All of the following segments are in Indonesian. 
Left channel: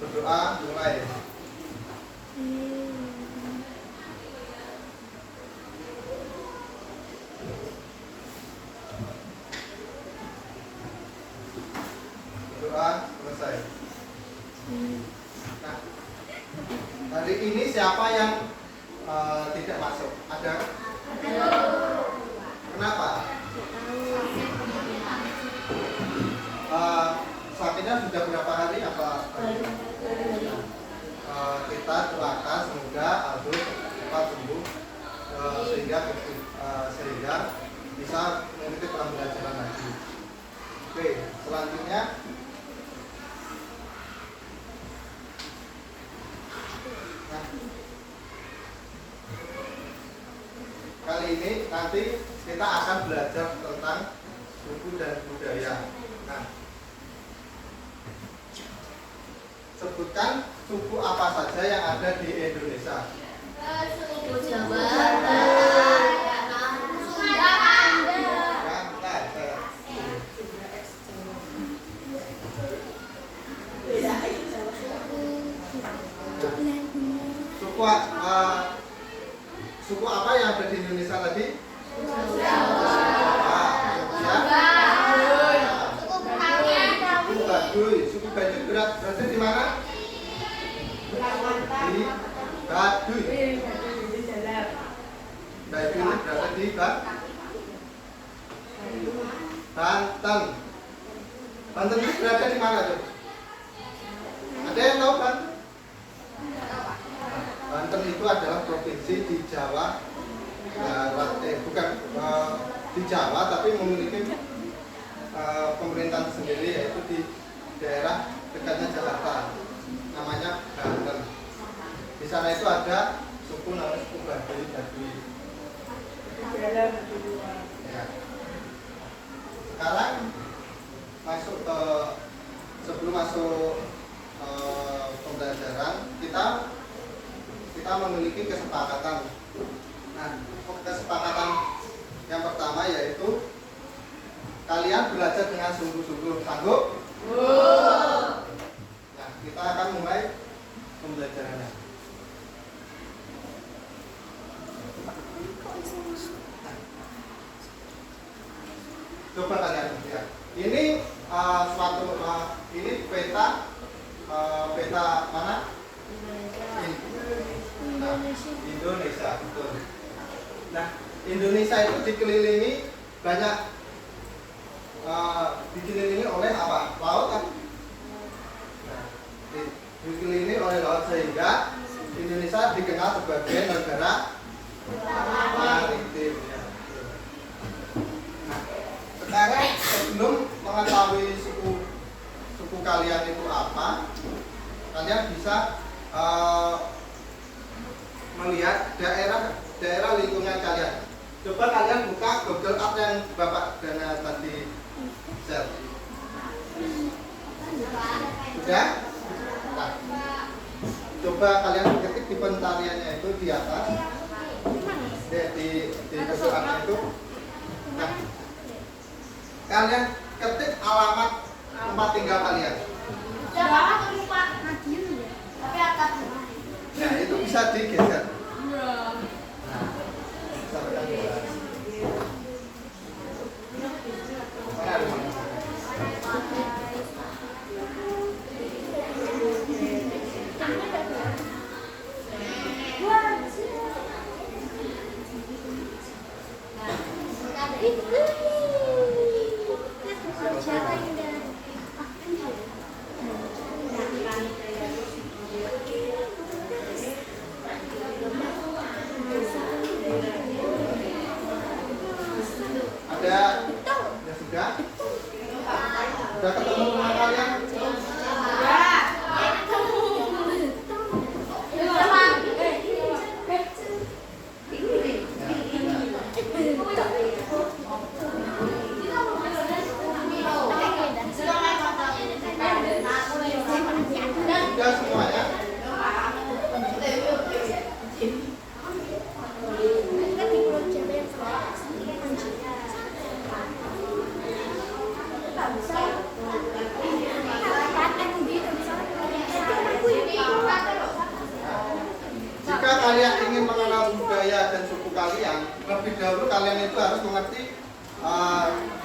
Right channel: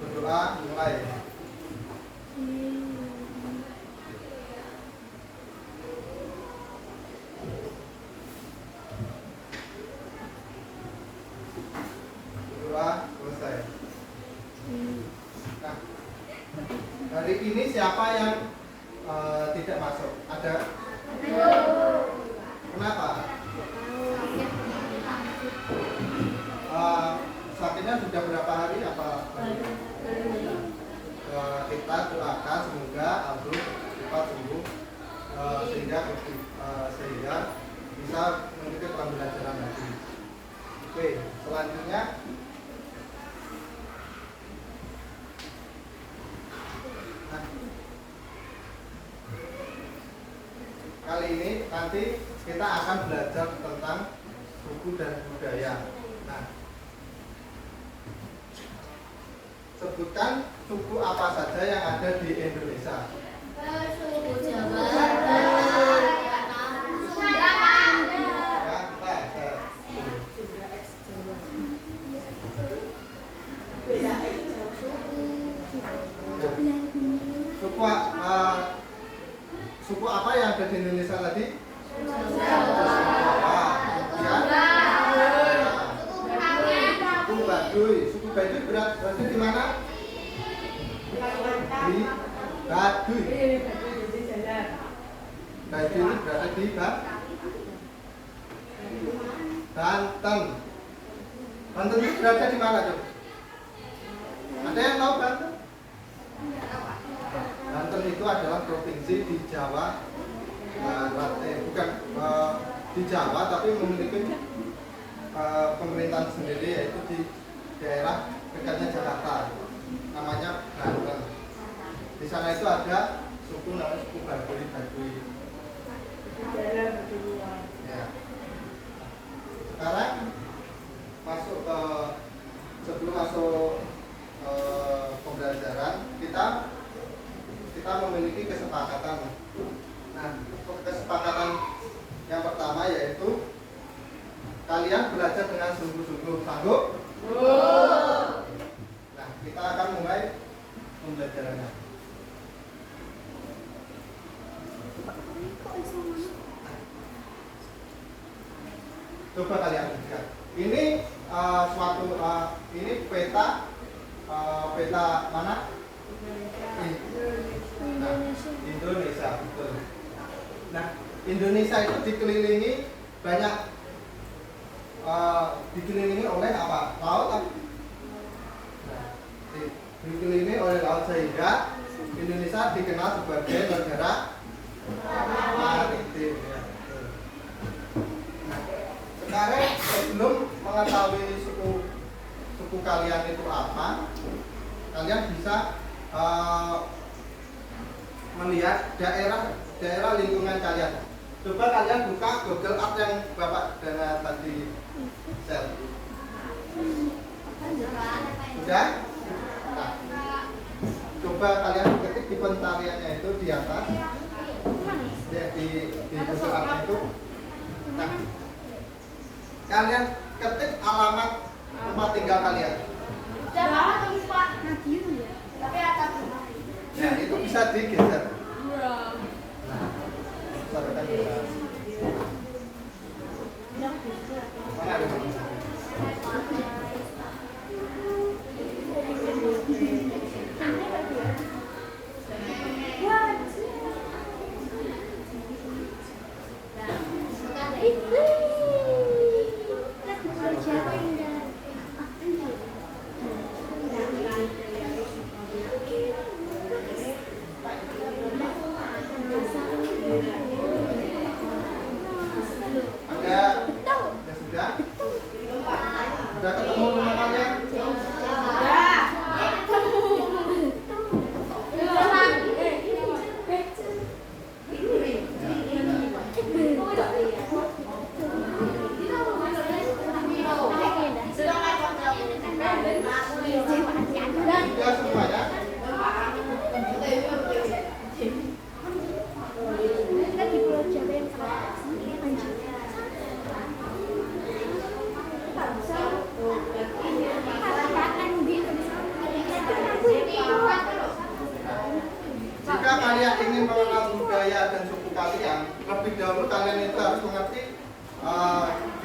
Berdoa mulai. Berdoa selesai. Nah, hari ini siapa yang tidak masuk? Ada? Kenapa? Sakitnya sudah berapa hari? Apa? Kita doakan semoga Aldo cepat sembuh sehingga bisa mengikuti pembelajaran lagi. Oke, selanjutnya kali ini nanti kita akan belajar tentang suku dan budaya. Nah, sebutkan suku apa saja yang ada di Indonesia. Suku Jawa, suku apa yang ada di Indonesia tadi? Suku Baduy. Suku Baduy berada di mana? Di Baduy. Baduy itu berada di Banten. Banten itu berada di mana tuh? Ada yang tahu Banten? Banten itu adalah provinsi di Jawa Barat, bukan di Jawa, tapi memiliki pemerintahan sendiri, yaitu di daerah dekatnya Jakarta, namanya Banten. Di sana itu ada suku namanya suku Baduy. Ya. Sekarang sebelum masuk pembelajaran kita memiliki kesepakatan. Nah, kesepakatan yang pertama yaitu kalian belajar dengan sungguh-sungguh. Sanggup? Nah, kita akan mulai pembelajarannya. Coba kalian lihat. Ini ini peta mana? Indonesia, betul. Nah, Indonesia itu dikelilingi oleh apa? Laut kan? Nah, dikelilingi oleh laut sehingga Indonesia dikenal sebagai negara maritim. Ya. Nah, sekarang sebelum mengetahui suku kalian itu apa, kalian bisa melihat daerah lingkungan kalian. Coba kalian buka Google Earth yang Bapak Dana tadi share. Sudah? Nah, coba kalian ketik di pentariannya itu di atas, di Google Earth itu. Nah, kalian ketik alamat tempat tinggal kalian. Nah, itu bisa digeser. Nah, sampai kan sudah ketemu rumah kalian? Sudah semuanya?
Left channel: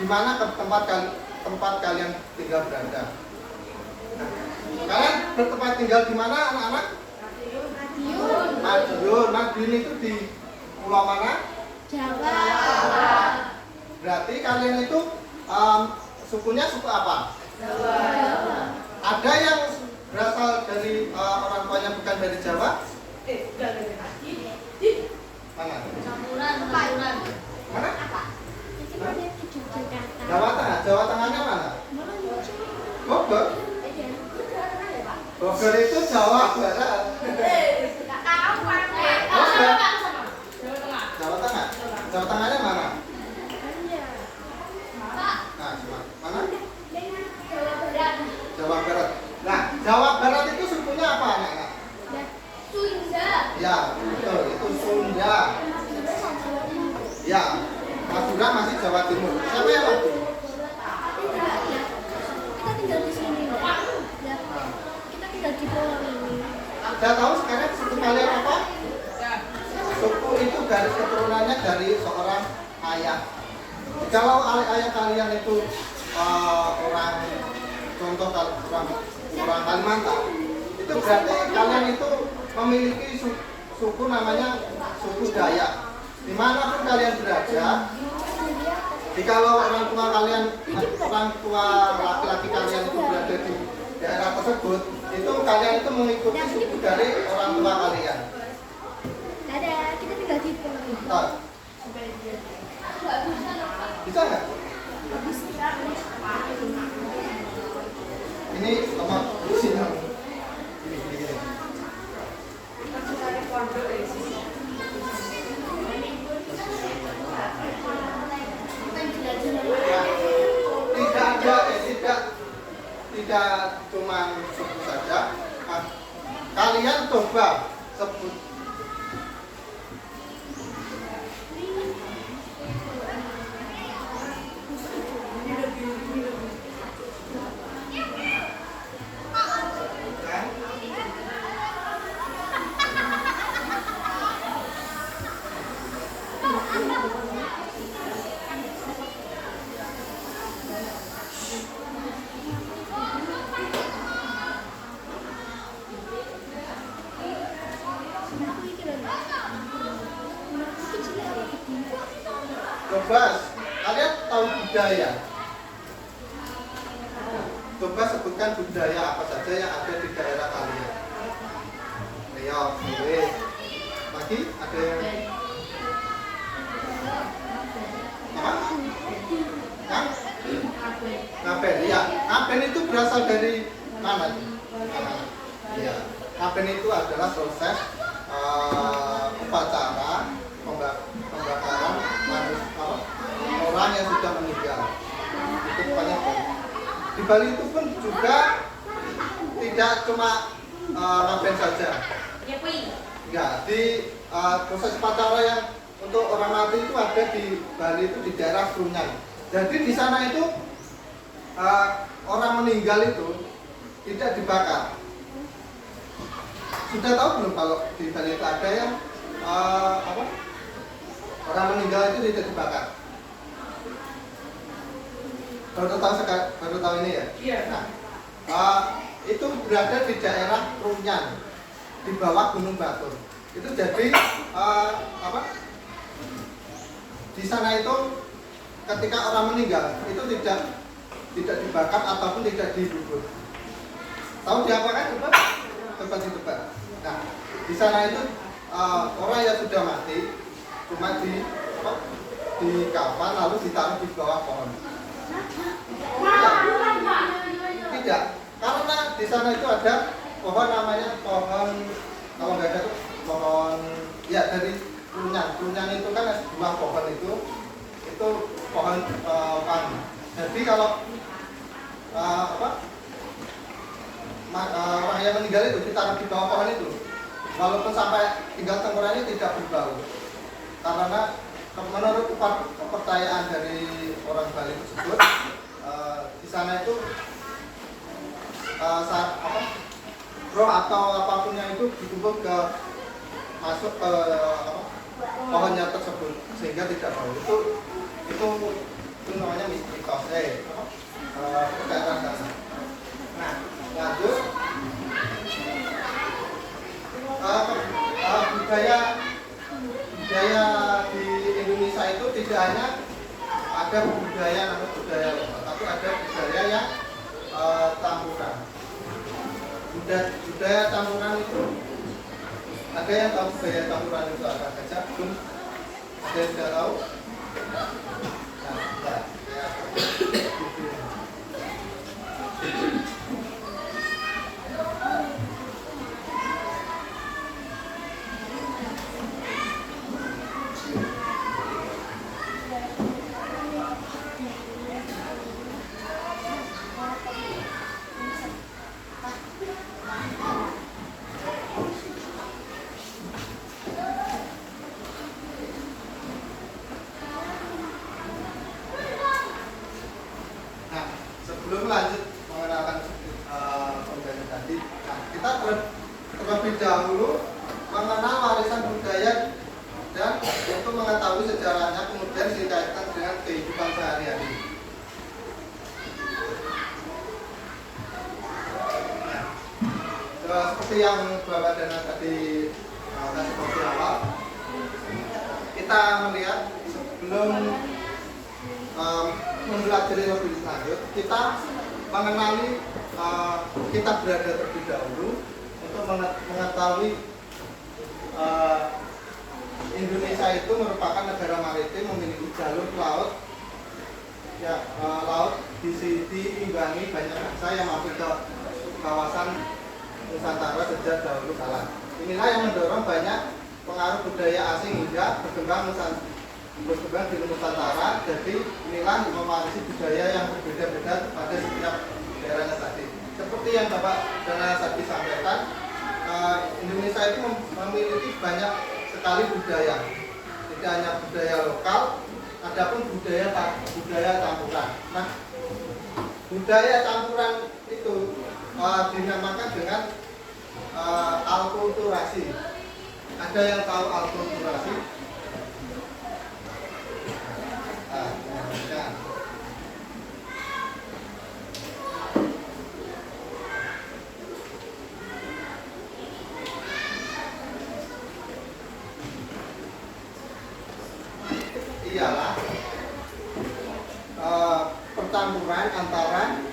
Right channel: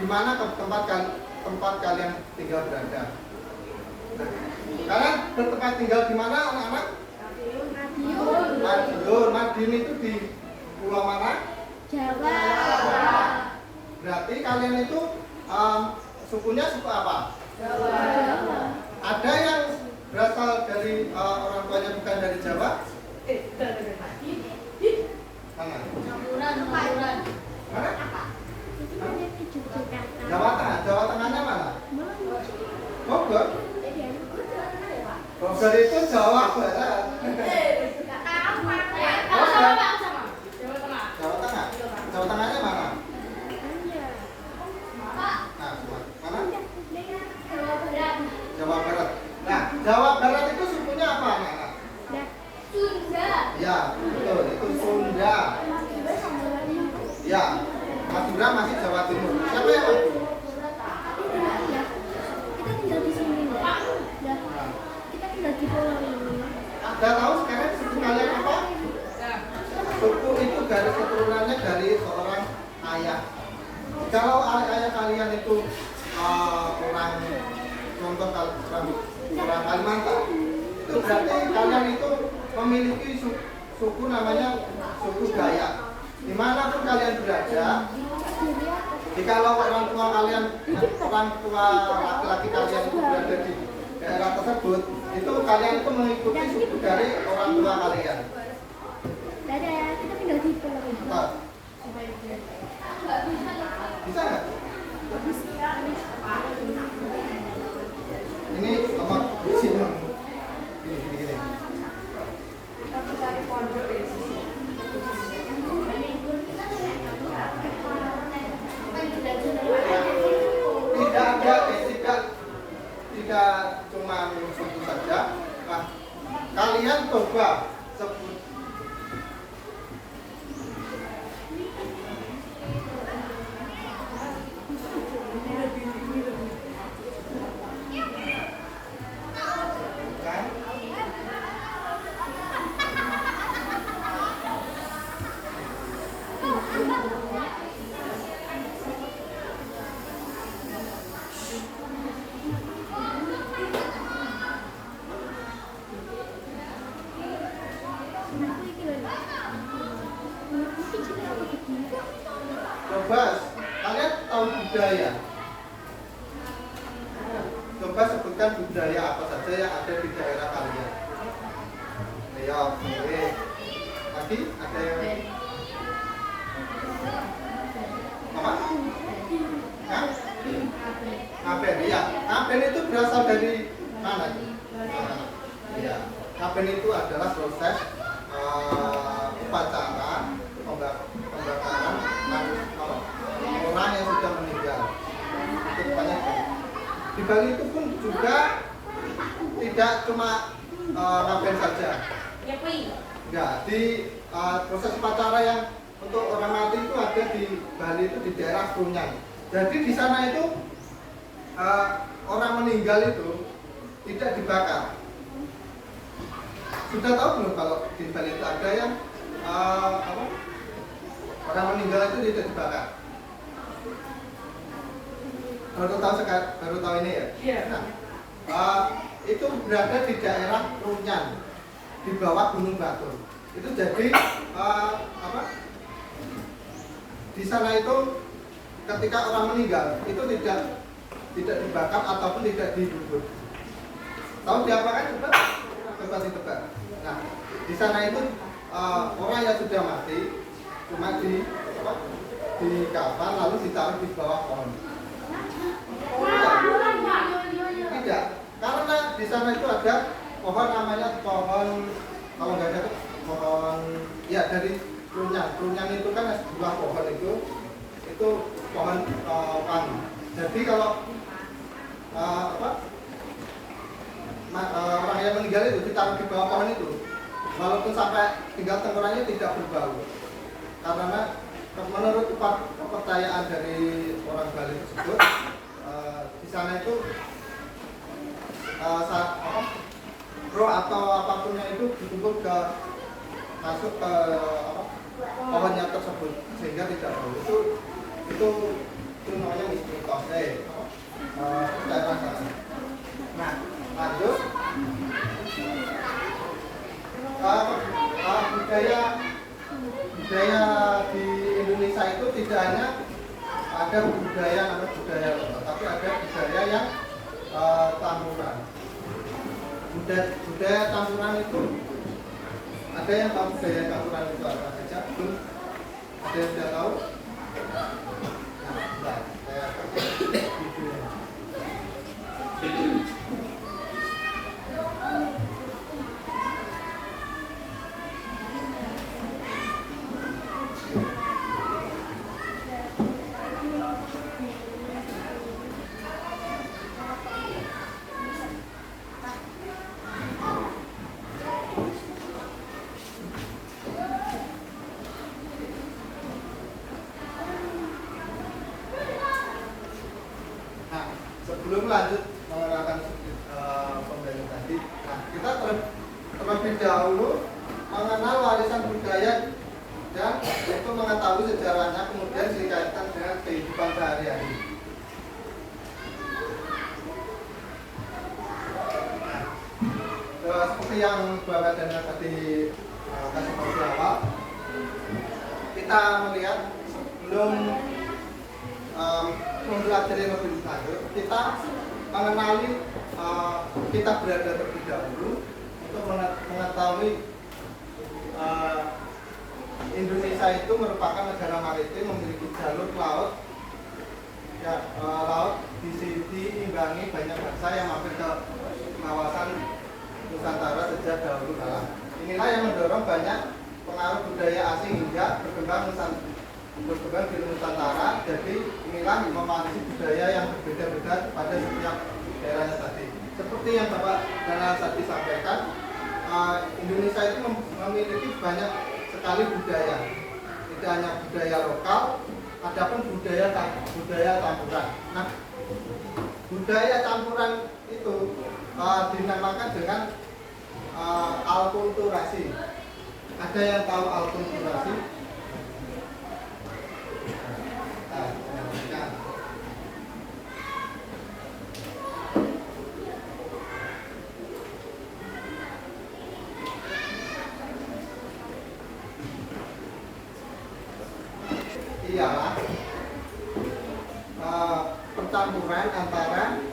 di mana tempat kalian tinggal berada. Nah, kalian bertempat tinggal di mana anak-anak? Madiun. Madiun itu di pulau mana? Jawa. Berarti kalian itu sukunya suku apa? Jawa. Ada yang berasal dari orang tuanya bukan dari Jawa? Mana? Campuran. Mana? Jawa Tengah. Jawa Tengahnya mana? Bogor. Bogor itu Jawa Barat. Jawa Tengah. Jawa Tengahnya mana? Nah, mana? Jawa Barat. Nah, Jawa Barat itu sukunya apa, anak-anak? Sunda. Ya, betul. Itu Sunda. Ya, Madura masih Jawa Timur. Siapa yang lagi? Kita tinggal di sini. Kita tinggal di pulau ini. Anda tahu sekarang suku kalian apa? Suku itu garis keturunannya dari seorang ayah. Kalau ayah kalian itu orang contoh orang Kalimantan, itu berarti kalian itu memiliki suku namanya suku Dayak. Dimanapun kalian berada, jikalau orang tua laki-laki kalian itu berada di daerah tersebut, itu kalian itu mengikuti suku dari orang tua kalian. Dadah, kita tinggal di pulau ini. Nah, bisa nggak? Ini nomor sini. Gini. Tidak cuma suku saja. Nah, kalian coba sebut coba kalian tahu budaya. Coba sebutkan budaya apa saja yang ada di daerah kalian. Ayo, boleh. Lagi ada yang apa? Hah? Ngaben, ya. Ngaben itu berasal dari mana? Ya, ngaben itu adalah proses upacara pembakaran orang yang sudah meninggal. Itu banyak banget. Di Bali itu pun juga tidak cuma ngaben saja. Ya, di proses upacara yang untuk orang mati itu ada di Bali itu di daerah Krunyan. Jadi di sana itu orang meninggal itu tidak dibakar. Sudah tahu belum kalau di Bali itu ada yang orang meninggal itu tidak dibakar? Baru tahu ini ya? Iya. Nah, itu berada di daerah Krunyan, di bawah Gunung Batur. Itu jadi di sana itu ketika orang meninggal itu tidak dibakar ataupun tidak dibubur. Tahu diapakan? Coba ditebak. Nah, di sana itu orang yang sudah mati cuma di kafan lalu ditaruh di bawah pohon. Tidak, karena di sana itu ada pohon namanya pohon, kalau nggak ada pohon ya dari Krunyan itu kan buah pohon itu pohon wangi. Jadi kalau orang yang meninggal itu ditaruh di bawah pohon itu, walaupun sampai tinggal tengkoraknya tidak berbau, karena menurut kepercayaan dari orang Bali tersebut, di sana itu roh atau apapunnya itu dikumpul masuk ke pohonnya tersebut sehingga tidak bau. Itu namanya mistik. daerah sana. Nah, lanjut. Budaya di Indonesia itu tidak hanya ada budaya namanya budaya lokal, tapi ada budaya yang campuran. Budaya campuran itu ada yang tahu budaya campuran itu apa saja? Belum ada yang sudah tahu? Nah, saya sebelum lanjut mengenalkan pembelajaran tadi, nah kita terlebih dahulu mengenal warisan budaya dan untuk mengetahui sejarahnya, kemudian dikaitkan dengan kehidupan sehari-hari. Nah, seperti yang Bapak Dana tadi kasih tahu awal, kita melihat sebelum mempelajari lebih lanjut, kita mengenali kita berada terlebih dahulu untuk mengetahui Indonesia itu merupakan negara maritim, memiliki jalur laut, ya, laut diimbangi banyak bangsa yang mampir ke kawasan Nusantara sejak dahulu kala. Inilah yang mendorong banyak pengaruh budaya asing hingga berkembang di Nusantara. Jadi inilah mewarisi budaya yang berbeda-beda pada setiap daerahnya tadi. Seperti yang Bapak Dana tadi sampaikan, Indonesia itu memiliki banyak sekali budaya. Tidak hanya budaya lokal, adapun budaya campuran. Nah, budaya campuran itu dinamakan dengan alkulturasi. Ada yang tahu alkulturasi? Ialah percampuran antara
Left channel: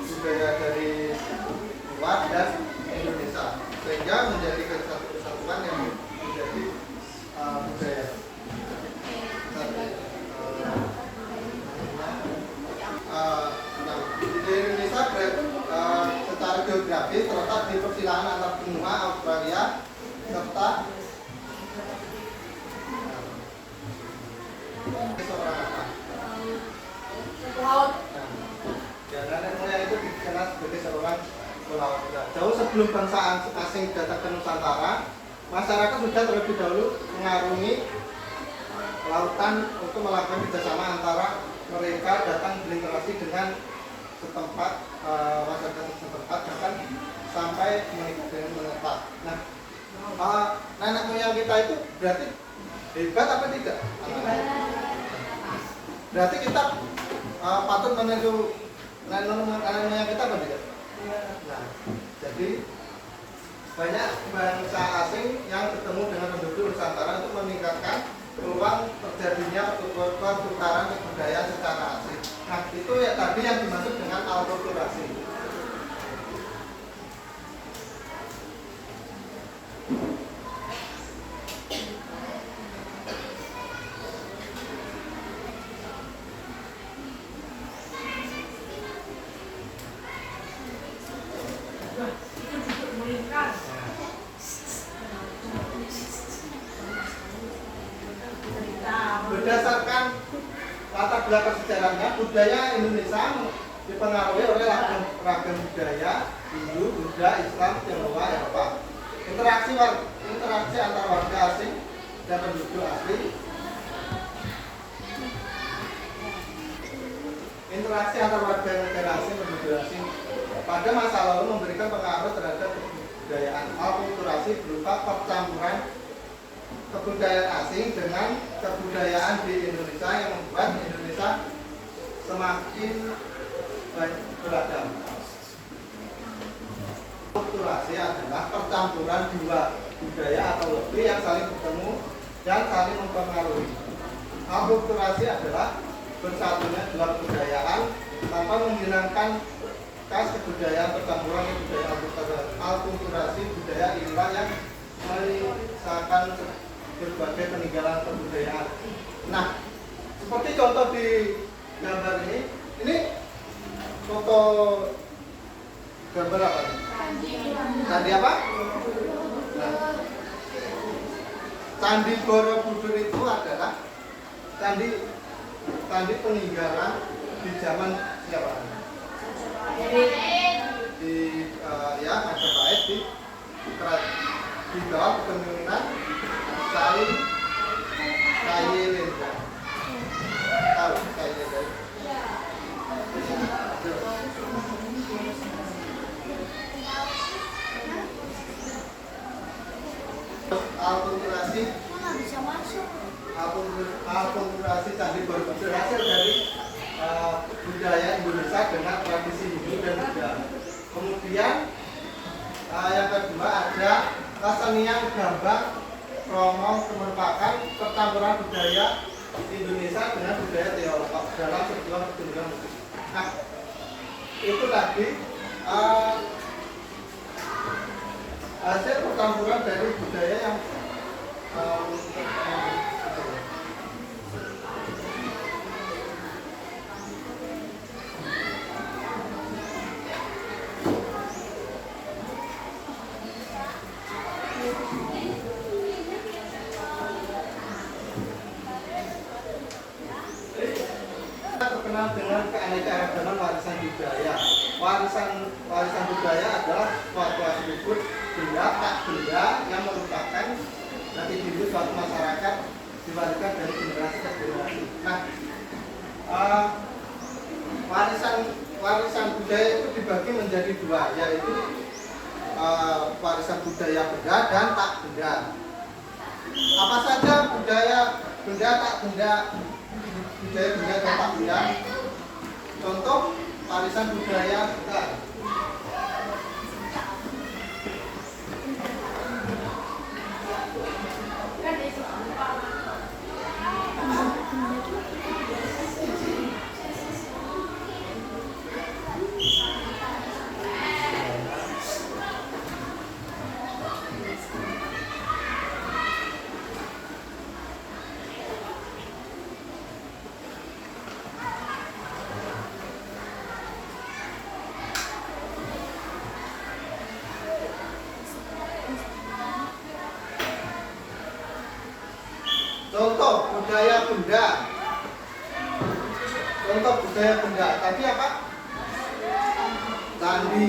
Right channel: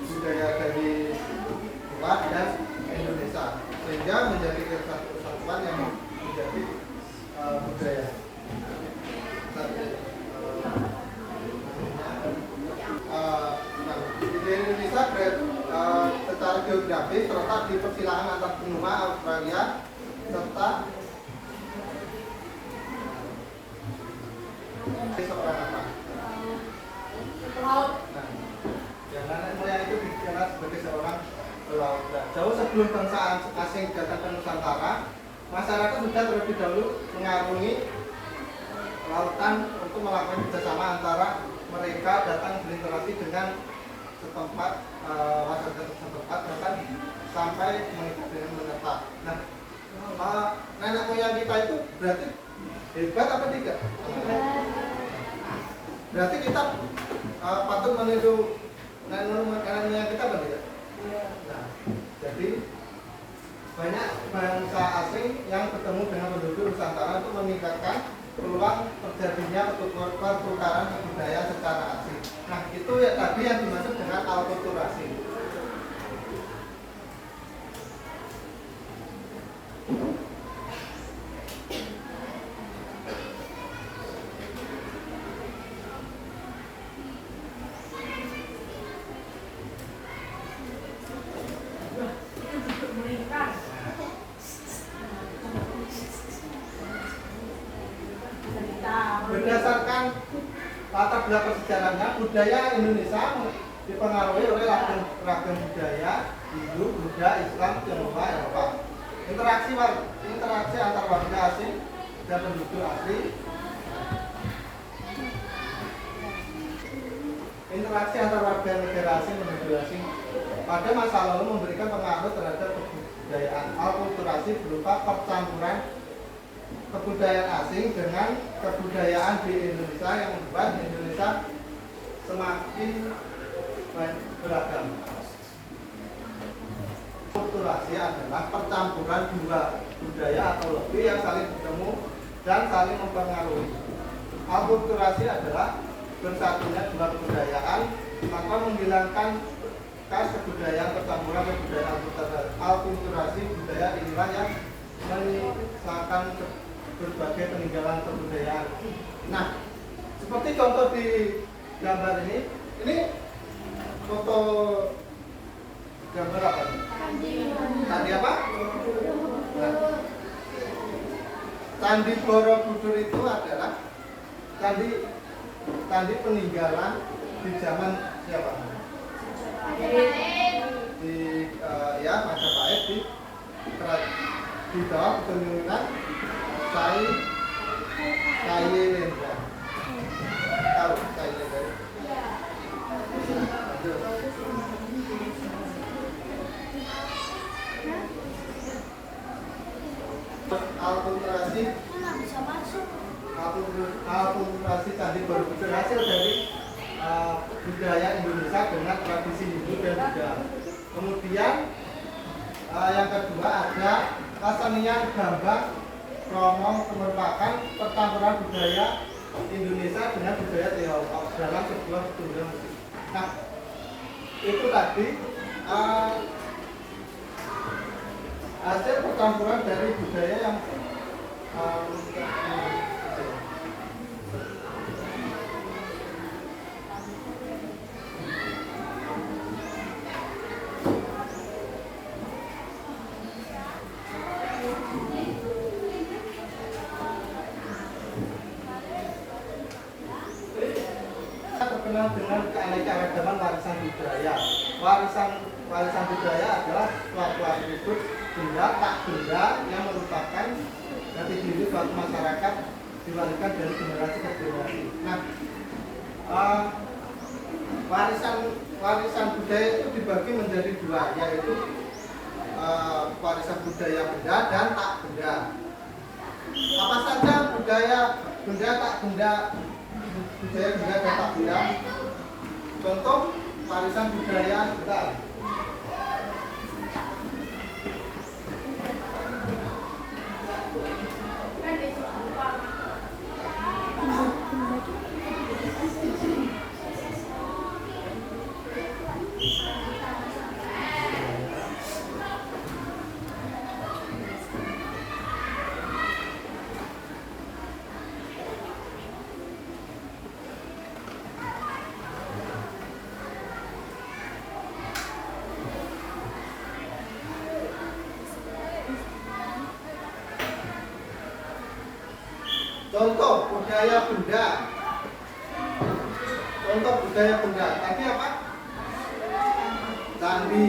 budaya dari luar dan Indonesia sehingga menjadi kesatuan yang menjadi budaya. Di Indonesia secara geografis terletak di persilangan antar benua Australia serta laut. Nah, nenek moyang itu dikenal sebagai seorang pelaut. Jauh sebelum bangsa asing datang ke Nusantara, masyarakat sudah terlebih dahulu mengarungi lautan untuk melakukan kerjasama antara mereka datang berinteraksi dengan setempat masyarakat setempat bahkan sampai menikah dengan menetap. Nah, nenek moyang kita itu berarti hebat apa tidak? Berarti kita patut meniru nenek moyang kita apa tidak? Nah, jadi banyak bangsa asing yang bertemu dengan penduduk Nusantara untuk meningkatkan peluang terjadinya pertukaran budaya secara asing. Nah, itu ya tadi yang dimaksud dengan alkulturasi. Berdasarkan latar belakang sejarahnya, budaya Indonesia dipengaruhi oleh ragam budaya Hindu, Buddha, Islam, Tionghoa, Eropa. Interaksi antar warga asing dan penduduk asli. Interaksi antar warga negara asing dan penduduk asing pada masa lalu memberikan pengaruh terhadap kebudayaan. Alkulturasi berupa percampuran kebudayaan asing dengan kebudayaan di Indonesia yang membuat Indonesia semakin beragam. Akulturasi adalah percampuran dua budaya atau lebih yang saling bertemu dan saling mempengaruhi. Akulturasi adalah bersatunya dua kebudayaan tanpa menghilangkan khas kebudayaan percampuran kebudayaan. Akulturasi budaya inilah yang menyisakan berbagai peninggalan kebudayaan. Nah, seperti contoh di gambar ini foto gambar apa? Candi apa? Candi Borobudur itu adalah candi peninggalan di zaman siapa? Di ya Majapahit di bawah kepemimpinan Kyai Lendra. Tahu Kyai Lendra? Akulturasi bisa masuk. Akulturasi Candi Borobudur hasil dari budaya Indonesia dengan tradisi Hindu dan Buddha. Kemudian yang kedua ada kesenian gambang Kromong merupakan percampuran budaya Indonesia dengan budaya Tiongkok dalam sebuah pertunjukan musik. Nah, itu tadi hasil percampuran dari budaya yang terkenal dengan keanekaragaman warisan budaya. Warisan budaya adalah suatu atribut benda tak benda yang merupakan jati diri suatu masyarakat diwariskan dari generasi ke generasi. Nah, warisan budaya itu dibagi menjadi dua, yaitu warisan budaya benda dan tak benda. Apa saja budaya benda tak benda? Budaya benda dan tak benda. Contoh warisan budaya sekitar. Contoh budaya benda. Contoh budaya benda. Tadi apa? Candi.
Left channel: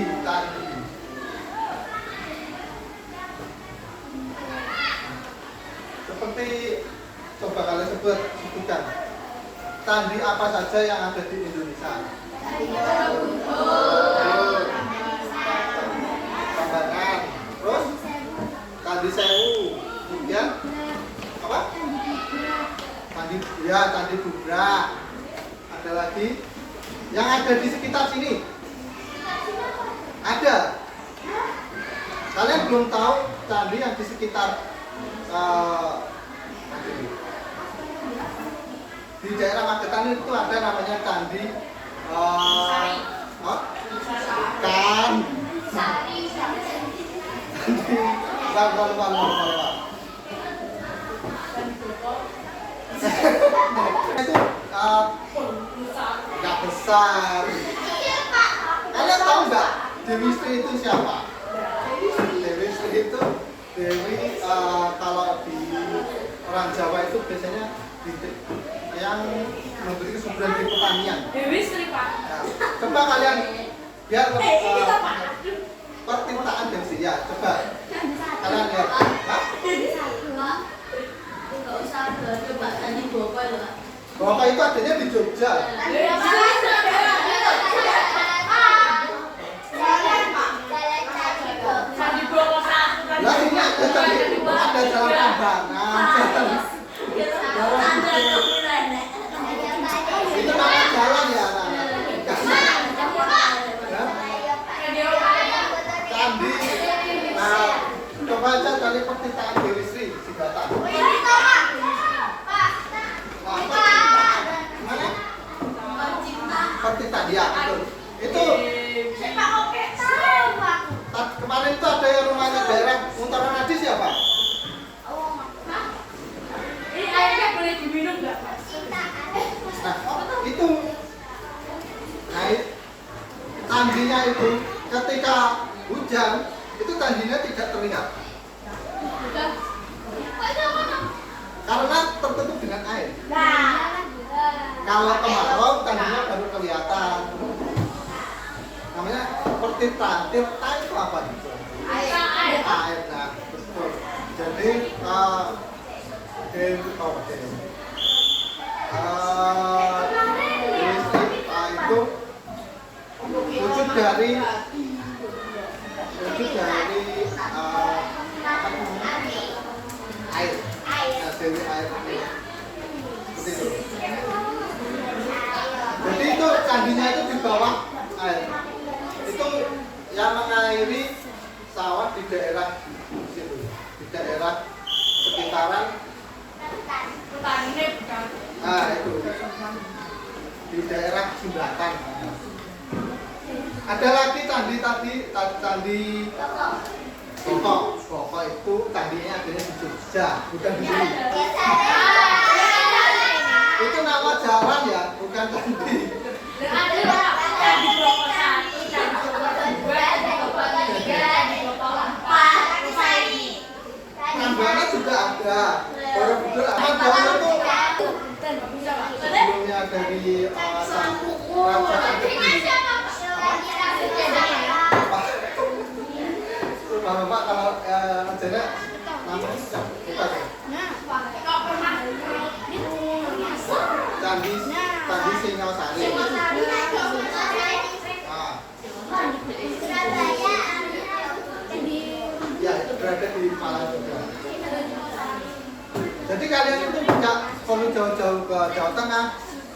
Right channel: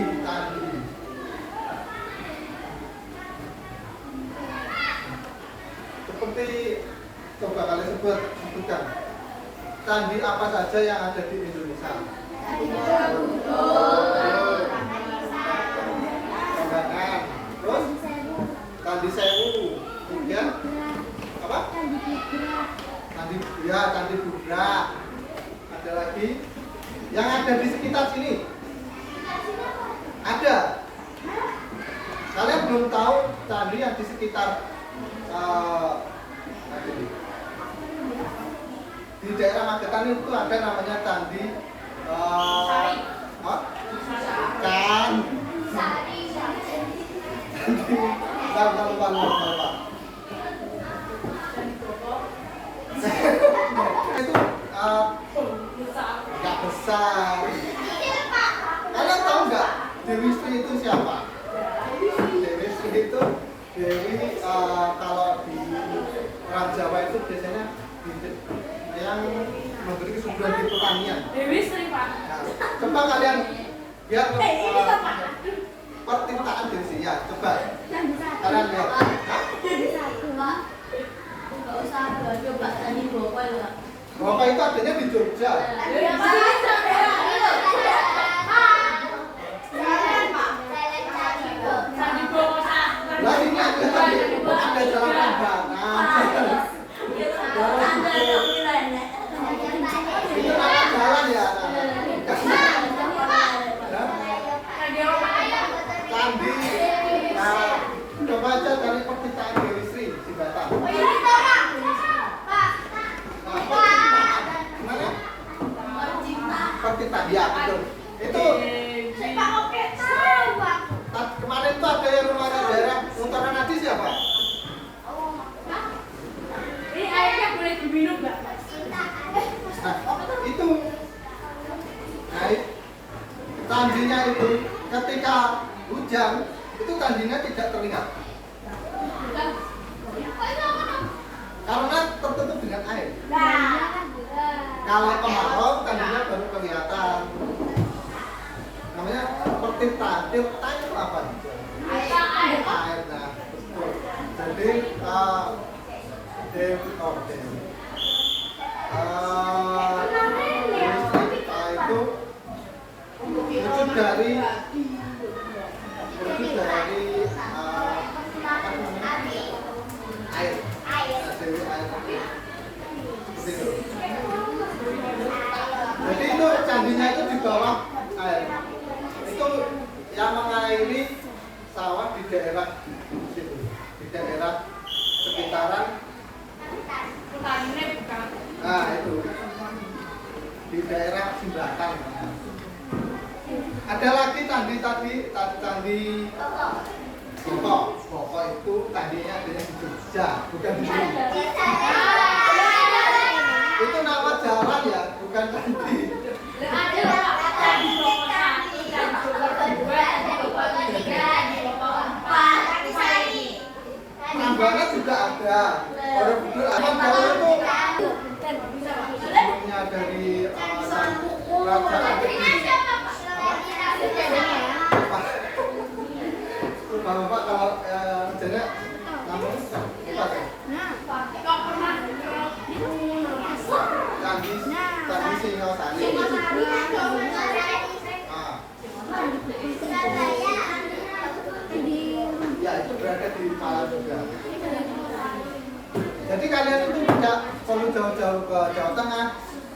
Seperti coba kalian sebutkan. Candi apa saja yang ada di Indonesia? Kambangan. Terus Candi Sewu. Kemudian apa? Candi Bubra. Ada lagi yang ada di sekitar sini. Ada. Kalian belum tahu candi yang di sekitar di daerah Magetan itu ada namanya candi kan itu nggak besar. Kalian tahu nggak Dewi Sri itu siapa? Dewi Sri itu kalau di orang Jawa itu biasanya yang memberi kesuburan di pertanian. Dewi Sri Pak. Nah, coba kalian biar pertintaan Dewi Sri ya. Coba kalian lihat. Nggak usah coba tadi Boko loh. Boko itu adanya di Jogja. Lah ini ada jalan Prambanan. Itu nama jalan ya. candi. Nah, coba aja dari pertitaan Dewi Sri Sibata. Mana? Pertitaan ya, betul. Itu kemarin itu ada yang rumahnya daerah Untaran Nadi siapa? Ini airnya boleh diminum nggak? Nah, itu. Nah, tandinya itu ketika hujan itu tandinya tidak terlihat karena tertutup dengan air. Kalau kemarau tandinya baru kelihatan. Namanya seperti tirta itu apa? Air. Nah, betul. Jadi itu wujud dari air. Nah, Dewi air. Seperti itu. Jadi itu candinya itu di bawah air. Itu yang mengairi sawah di daerah situ, di daerah sekitaran. Petaninya bukan. Nah itu di daerah Sumbatan. Ada lagi candi Boko itu candinya adanya di Jogja, bukan di sini. Itu nama jalan ya, bukan candi. Prambanan juga ada. Borobudur ada. Itu sebelumnya dari kerajaan Bapak kalau rencana namanya lupa saya. Candi Singosari. Ya itu berada di Malang juga. Jadi kalian itu tidak perlu jauh-jauh ke Jawa Tengah.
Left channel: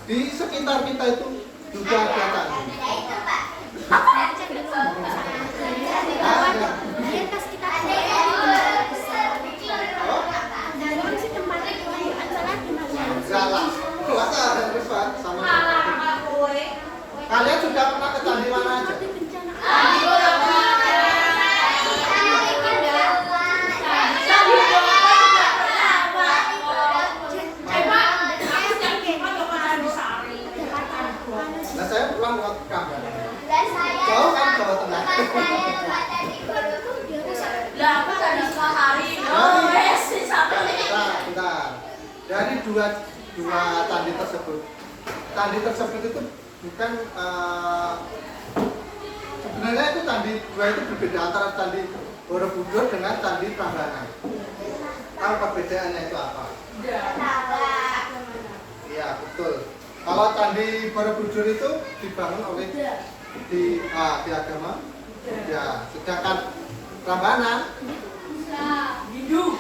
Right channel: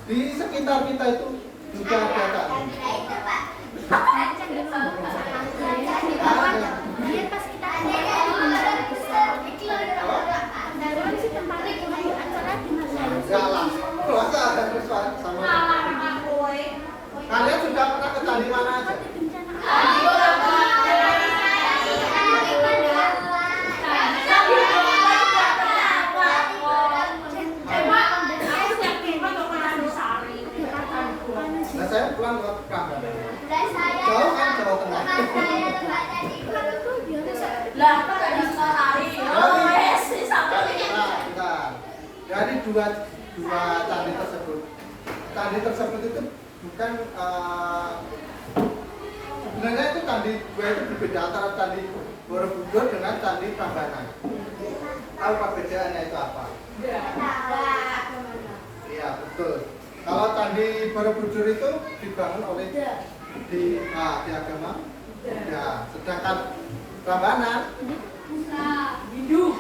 Di sekitar kita itu juga ada candi. Kalian sudah pernah ke candi mana aja? Nah saya pulang ke Prambanan. Jauh kan Jawa Tengah. Lah, aku tadi sehari. Nah, dari dua candi tersebut itu bukan sebenarnya itu candi dua itu berbeda antara candi Borobudur dengan candi Prambanan. Tahu perbedaannya itu apa? Iya betul. Kalau candi Borobudur itu dibangun oleh di agama ya, sedangkan Prambanan Hindu.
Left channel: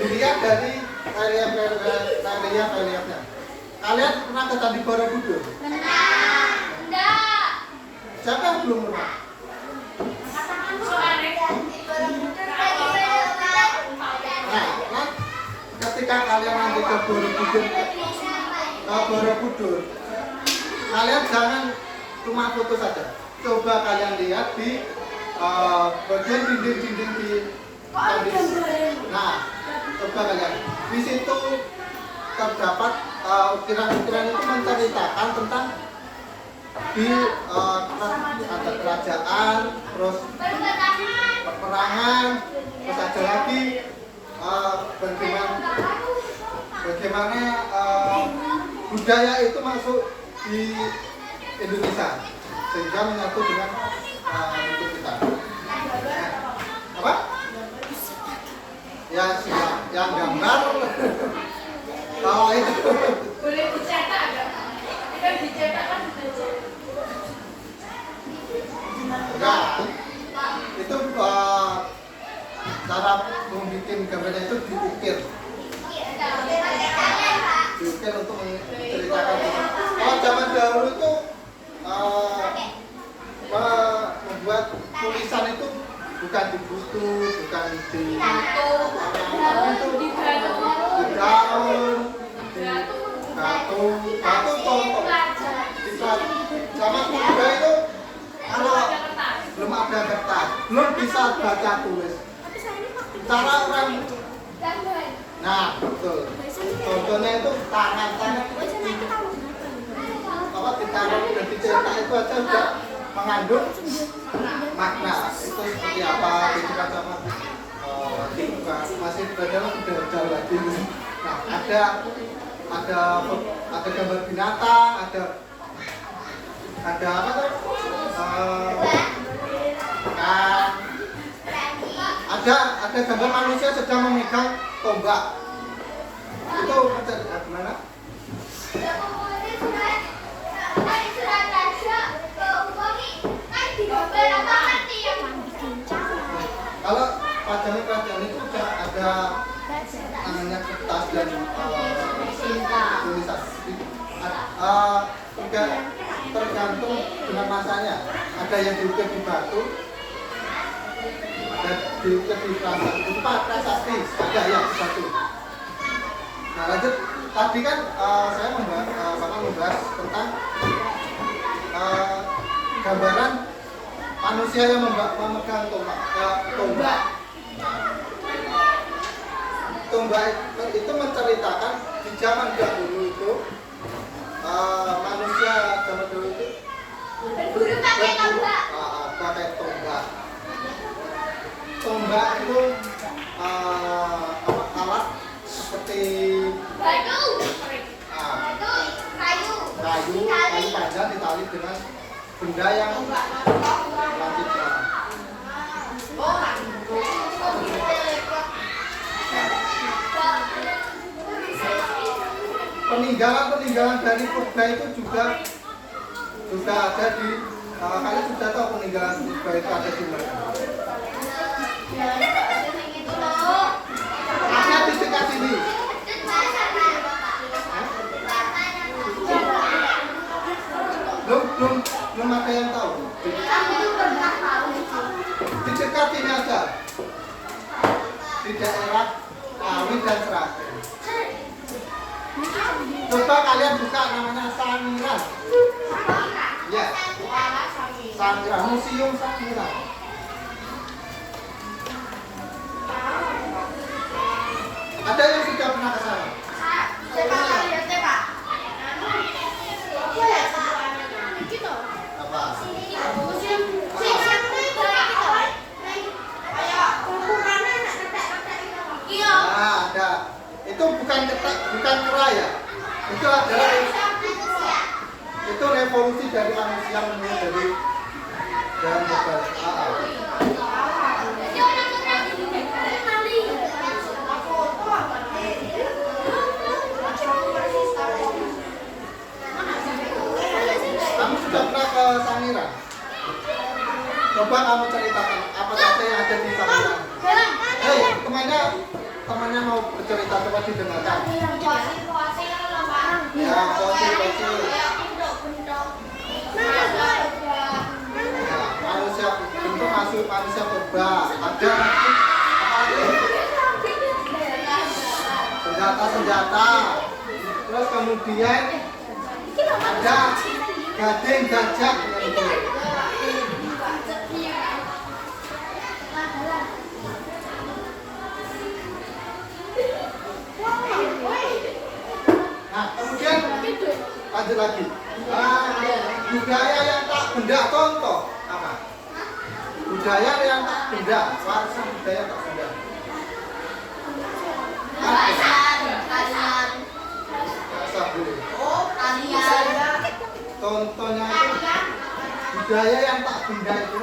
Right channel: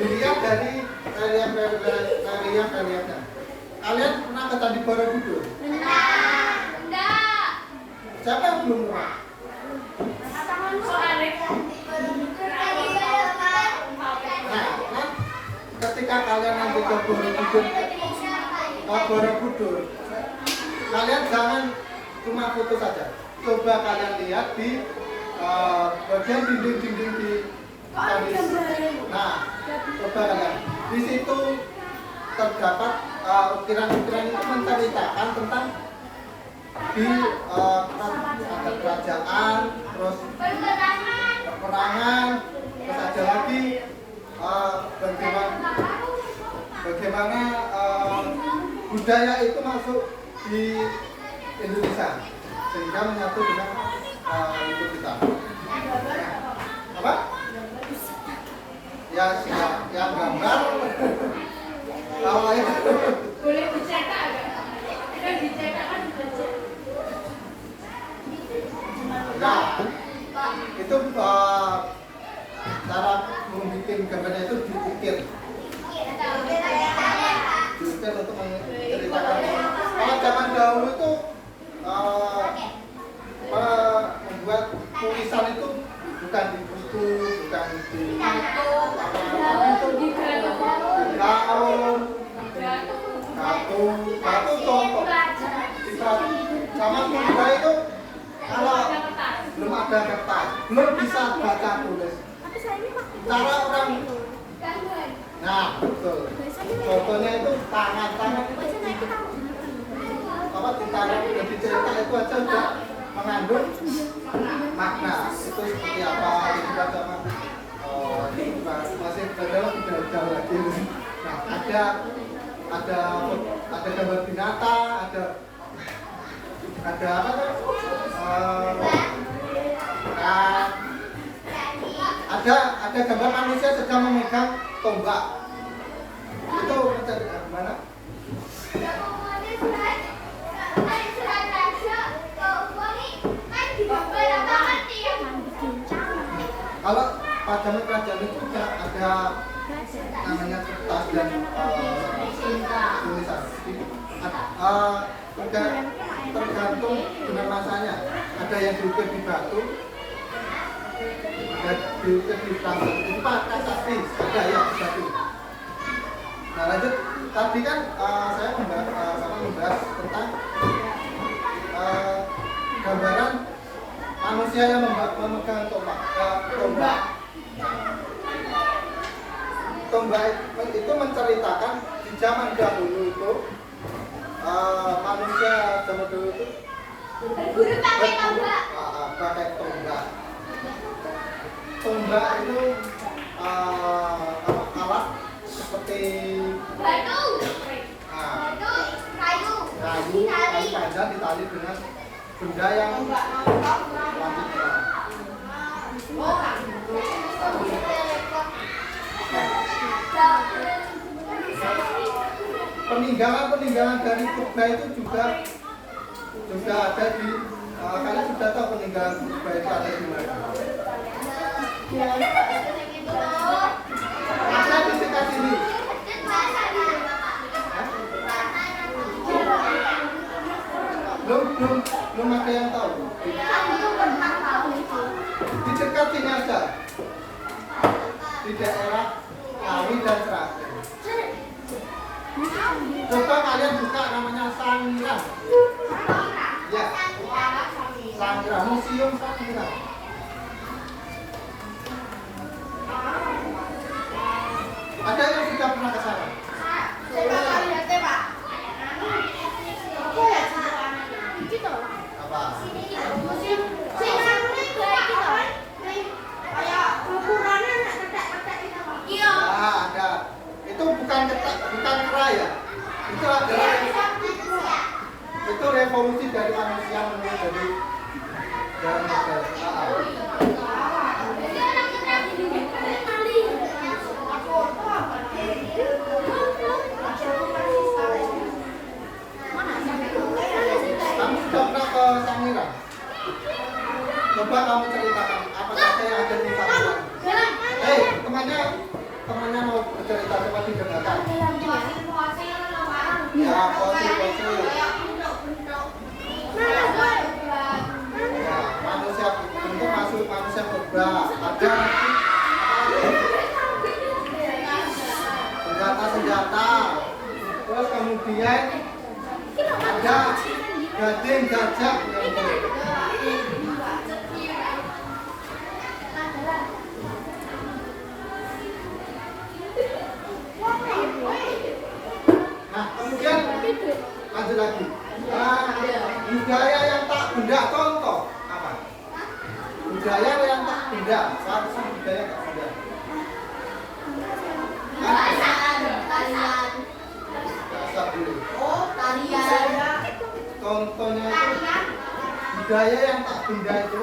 Dilihat dari reliefnya. Kalian pernah ke candi Borobudur? Siapa yang belum pernah? Nah, ketika kalian nanti ke Borobudur, kalian jangan cuma foto saja. Coba kalian lihat di bagian dinding-dinding di candi. Nah, coba kalian. Di situ terdapat ukiran-ukiran itu menceritakan tentang di ada kerajaan, terus peperangan, terus ada lagi bagaimana budaya itu masuk di Indonesia sehingga menyatu dengan itu kita. Apa? Ya siap, yang gambar. Kalau itu Boleh dicetak nggak? Kita dicetak kan dibaca. enggak. Itu cara membuat gambarnya itu diukir. Diukir untuk menceritakan. Kalau zaman dahulu itu ada kertas, belum bisa baca tulis. Tapi saya ini waktu itu Cara orang, Gambar. nah betul. biasanya Contohnya itu tangan-tangan biasanya itu kalau makan apa ditaruh dan dicetak itu aja udah mengandung makna. Itu seperti apa itu kan sama masih belajar sudah jauh lagi. Nah ada gambar binatang, ada apa tuh? Kan ada gambar manusia sedang memegang tombak. Itu mencari gimana? Kalau pajang itu ada namanya kertas dan tulisan. Tergantung dengan masanya. Ada yang diukir di batu, ada diukir di prasasti. Itu prasasti, ada yang di batu. Nah lanjut, tadi kan saya membahas tentang gambaran manusia yang memegang tombak. Tombak itu menceritakan di zaman dahulu itu manusia zaman dulu itu Berburu pakai tombak. pakai tombak. Tombak itu alat seperti Batu. ah, Kayu. kayu panjang ditali dengan benda yang lanjutnya. Oh, Peninggalan dari purba itu juga ada di kalian sudah tahu peninggalan purba itu ada di mana? Ada di dekat sini. Belum ada yang tahu. Di dekat sini ada. Di daerah Kawi dan Seragen. Coba kalian buka namanya Sangiran. Ya, Sangiran, Museum Sangiran. Ada yang sudah pernah ke sana? Apa? Nah, ada. Itu bukan kera ya. Itu adalah itu revolusi dari manusia menuju dari modal. Kamu sudah pernah ke Sangiran? Coba kamu ceritakan apa saja yang ada di Sangiran. Hei, temannya mau bercerita, coba didengarkan. Ya, kosi. Nah, manusia bentuk masuk manusia purba. Ada senjata. Terus kemudian ada gading gajah. Nah, kemudian lanjut lagi. Budaya yang tak benda contoh apa? Budaya yang tak benda, warisan budaya tak benda. Bahasa boleh. Contohnya itu budaya yang tak benda itu.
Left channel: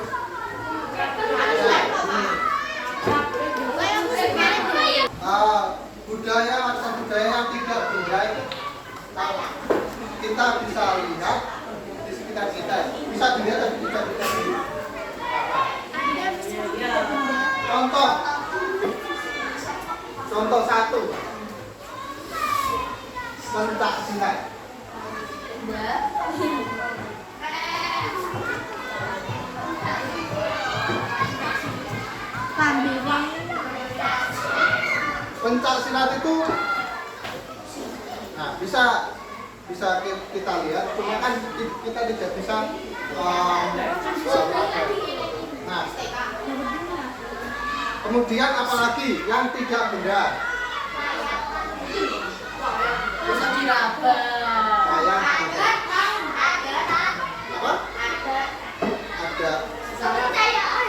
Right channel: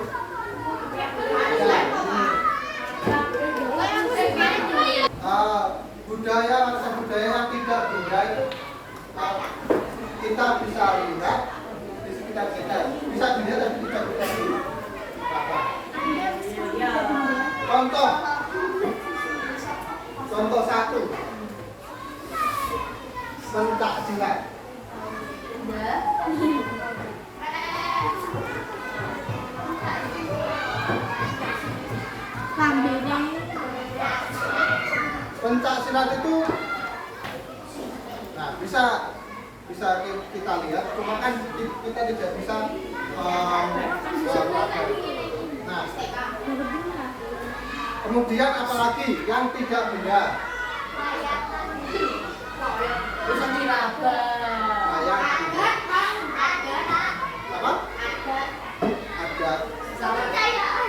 Budaya yang tidak benda itu kita bisa lihat di sekitar kita, bisa dilihat dan bisa kita lihat. Contoh satu, pencak silat. Pencak silat itu, nah bisa kita lihat, cuma kan kita tidak bisa nah Kemudian apalagi yang tidak benda? Bisa diraba. Ayam. Apa? Ada. Kepercayaan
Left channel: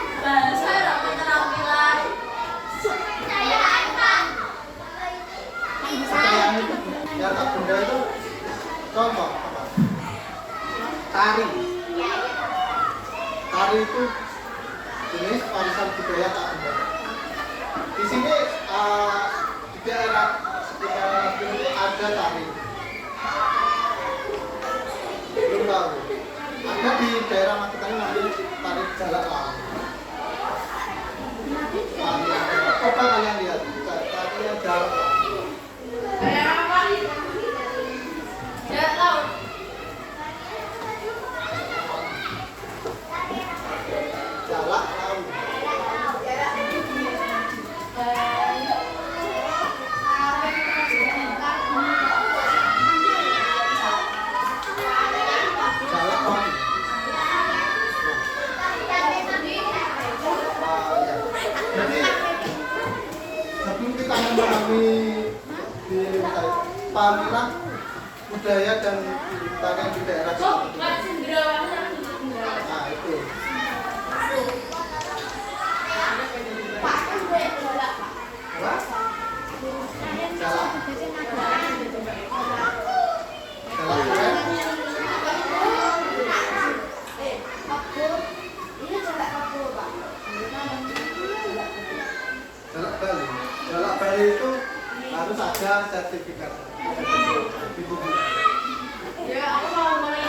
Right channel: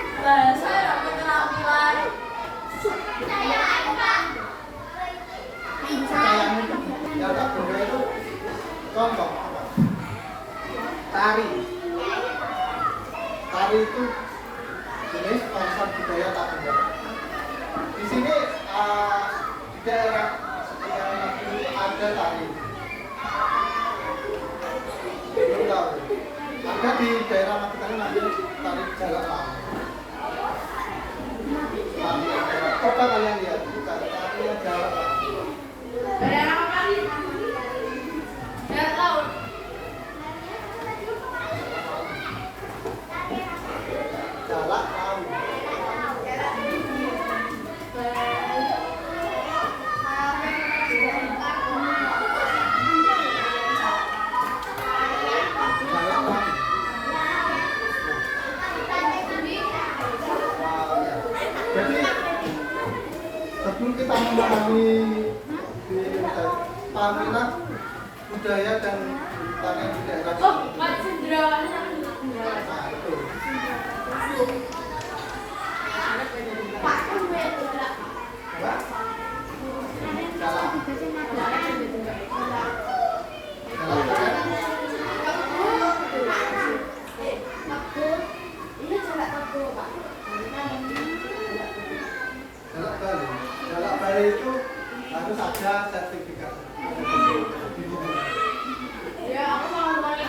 itu yang tak benda itu contoh apa? Tari. Tari itu jenis warisan budaya tak benda. Di sini di daerah sekitar ini ada tari. Belum tahu. Ada di daerah Magetan namanya tari jalak laut. Coba kalian lihat tarinya jalak laut. Jalak laut. Jalak laut. Jadi sebelum kita memahami pamilah budaya dan tarian di daerah nah itu apa? Jalak. Jalak keren. Jalak Bali. Jalak Bali itu harus ada sertifikat. Ya, aku mau nanya.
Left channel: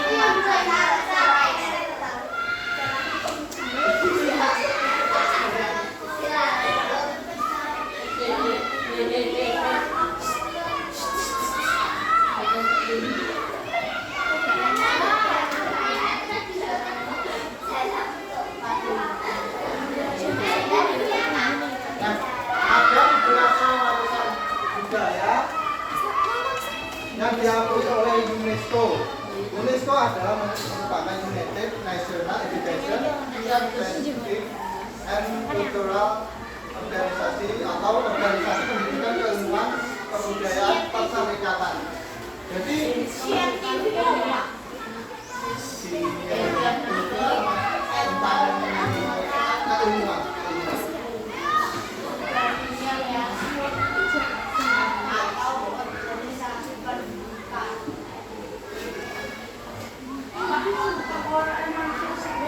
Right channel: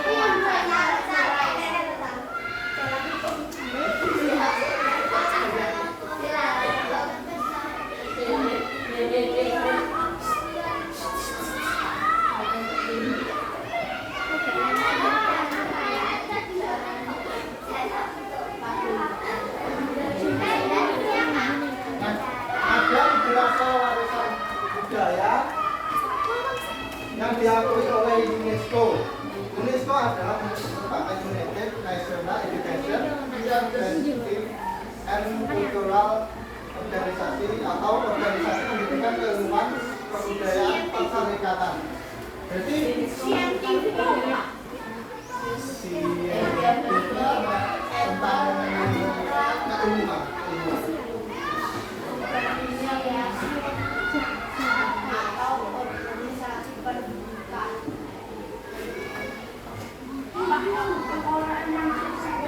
Nah, ada beberapa warisan budaya yang diakui oleh UNESCO. UNESCO adalah merupakan United Nations Education Scientific and Cultural Organisasi atau organisasi pendidikan keilmuan kebudayaan perserikatan. Jadi tentang keilmuan.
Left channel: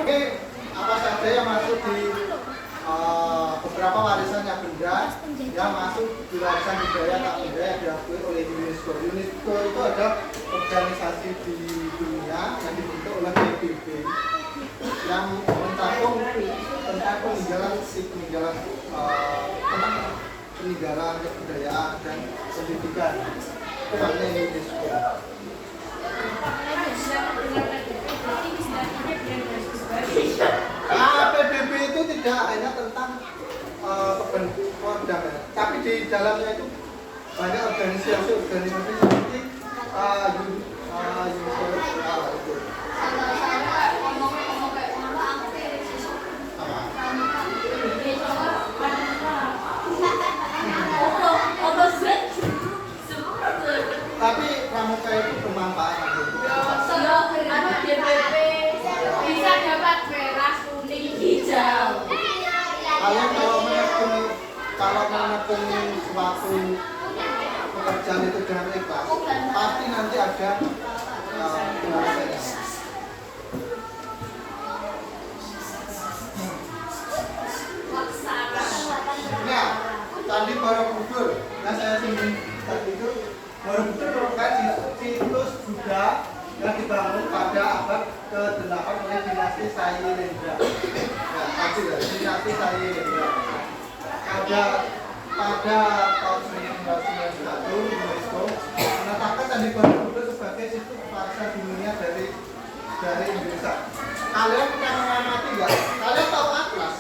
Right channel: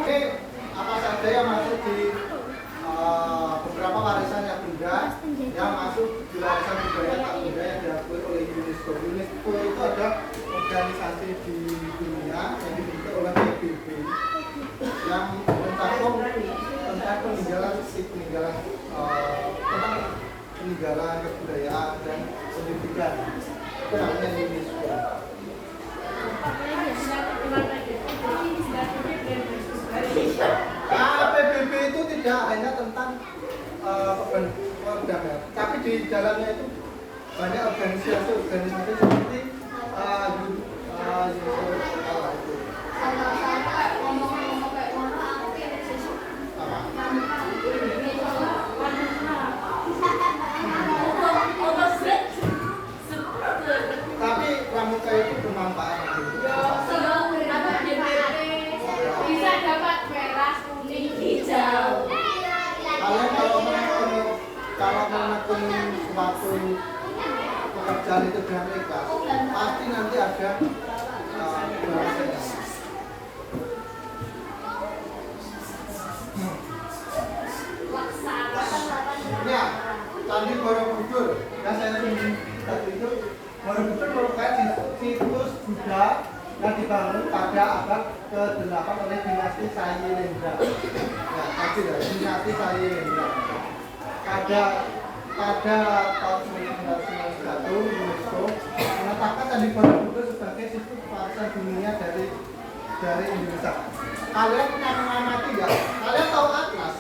Oke, apa saja yang masuk di beberapa warisan yang benda yang masuk di warisan budaya tak benda yang diakui oleh UNESCO. UNESCO itu ada organisasi di dunia yang dibentuk oleh PBB yang mencakup tentang peninggalan kebudayaan dan pendidikan. Itu namanya UNESCO. PBB itu tidak hanya tentang produk ya, tapi di dalamnya itu banyak organisasi seperti tapi pramuka itu bermanfaat nanti. Bisa dapat merah, kuning, hijau. Kalian kalau menekuni suatu pekerjaan itu dengan ikhlas, pasti nanti ada hasilnya. Ya, Candi Borobudur. Nah, saya sendiri tadi itu Borobudur merupakan situs Buddha yang dibangun pada abad ke-8 oleh dinasti Sailendra. Nah, tadi lah, dinasti Sailendra. Pada tahun 1991 UNESCO menetapkan Candi Borobudur sebagai situs warisan dunia dari Indonesia. Kalian pernah mengamati nggak? Kalian tahu Atlas?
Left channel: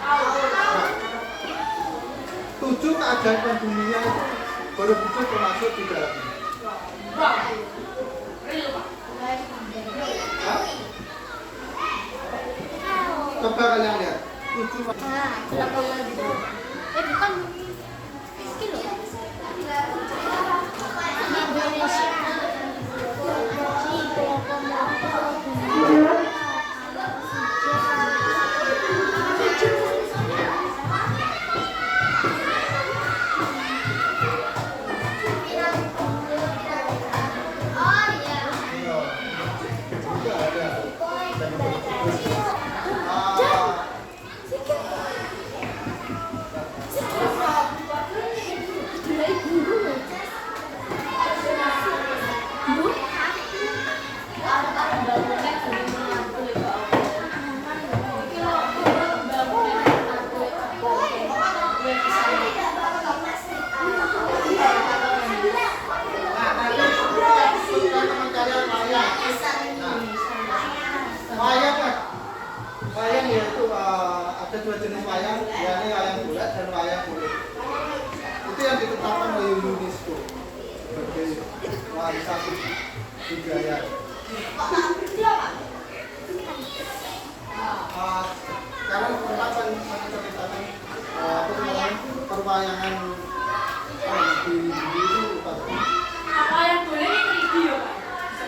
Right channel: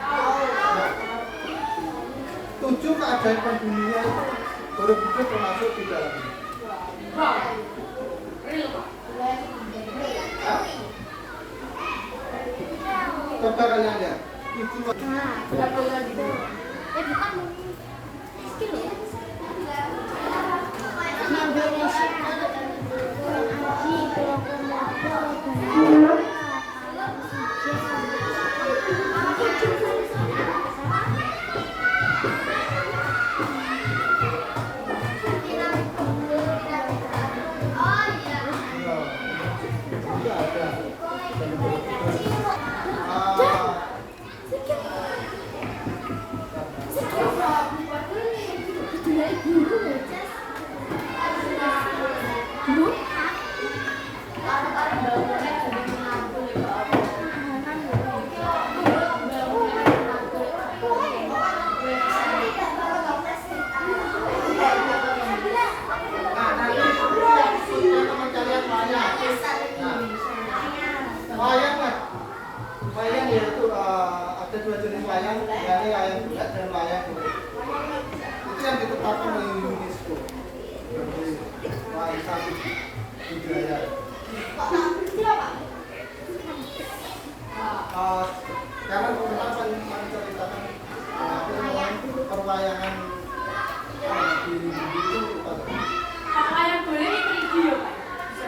Nah, 7 keajaiban dunia itu Borobudur termasuk di dalamnya. Wow. Real, Pak. Coba kalian lihat. 7 Indonesia Haji Komodo Iya. Juga ada. Nah, nanti yang teman kalian wayang. Nah, wayang kan? Wayang yaitu ada dua jenis wayang, yakni wayang bulat dan wayang kulit. Itu yang ditetapkan oleh UNESCO sebagai warisan budaya. Sekarang kita akan menceritakan apa namanya perwayangan di itu apa tadi? Apa yang boleh itu video, Pak?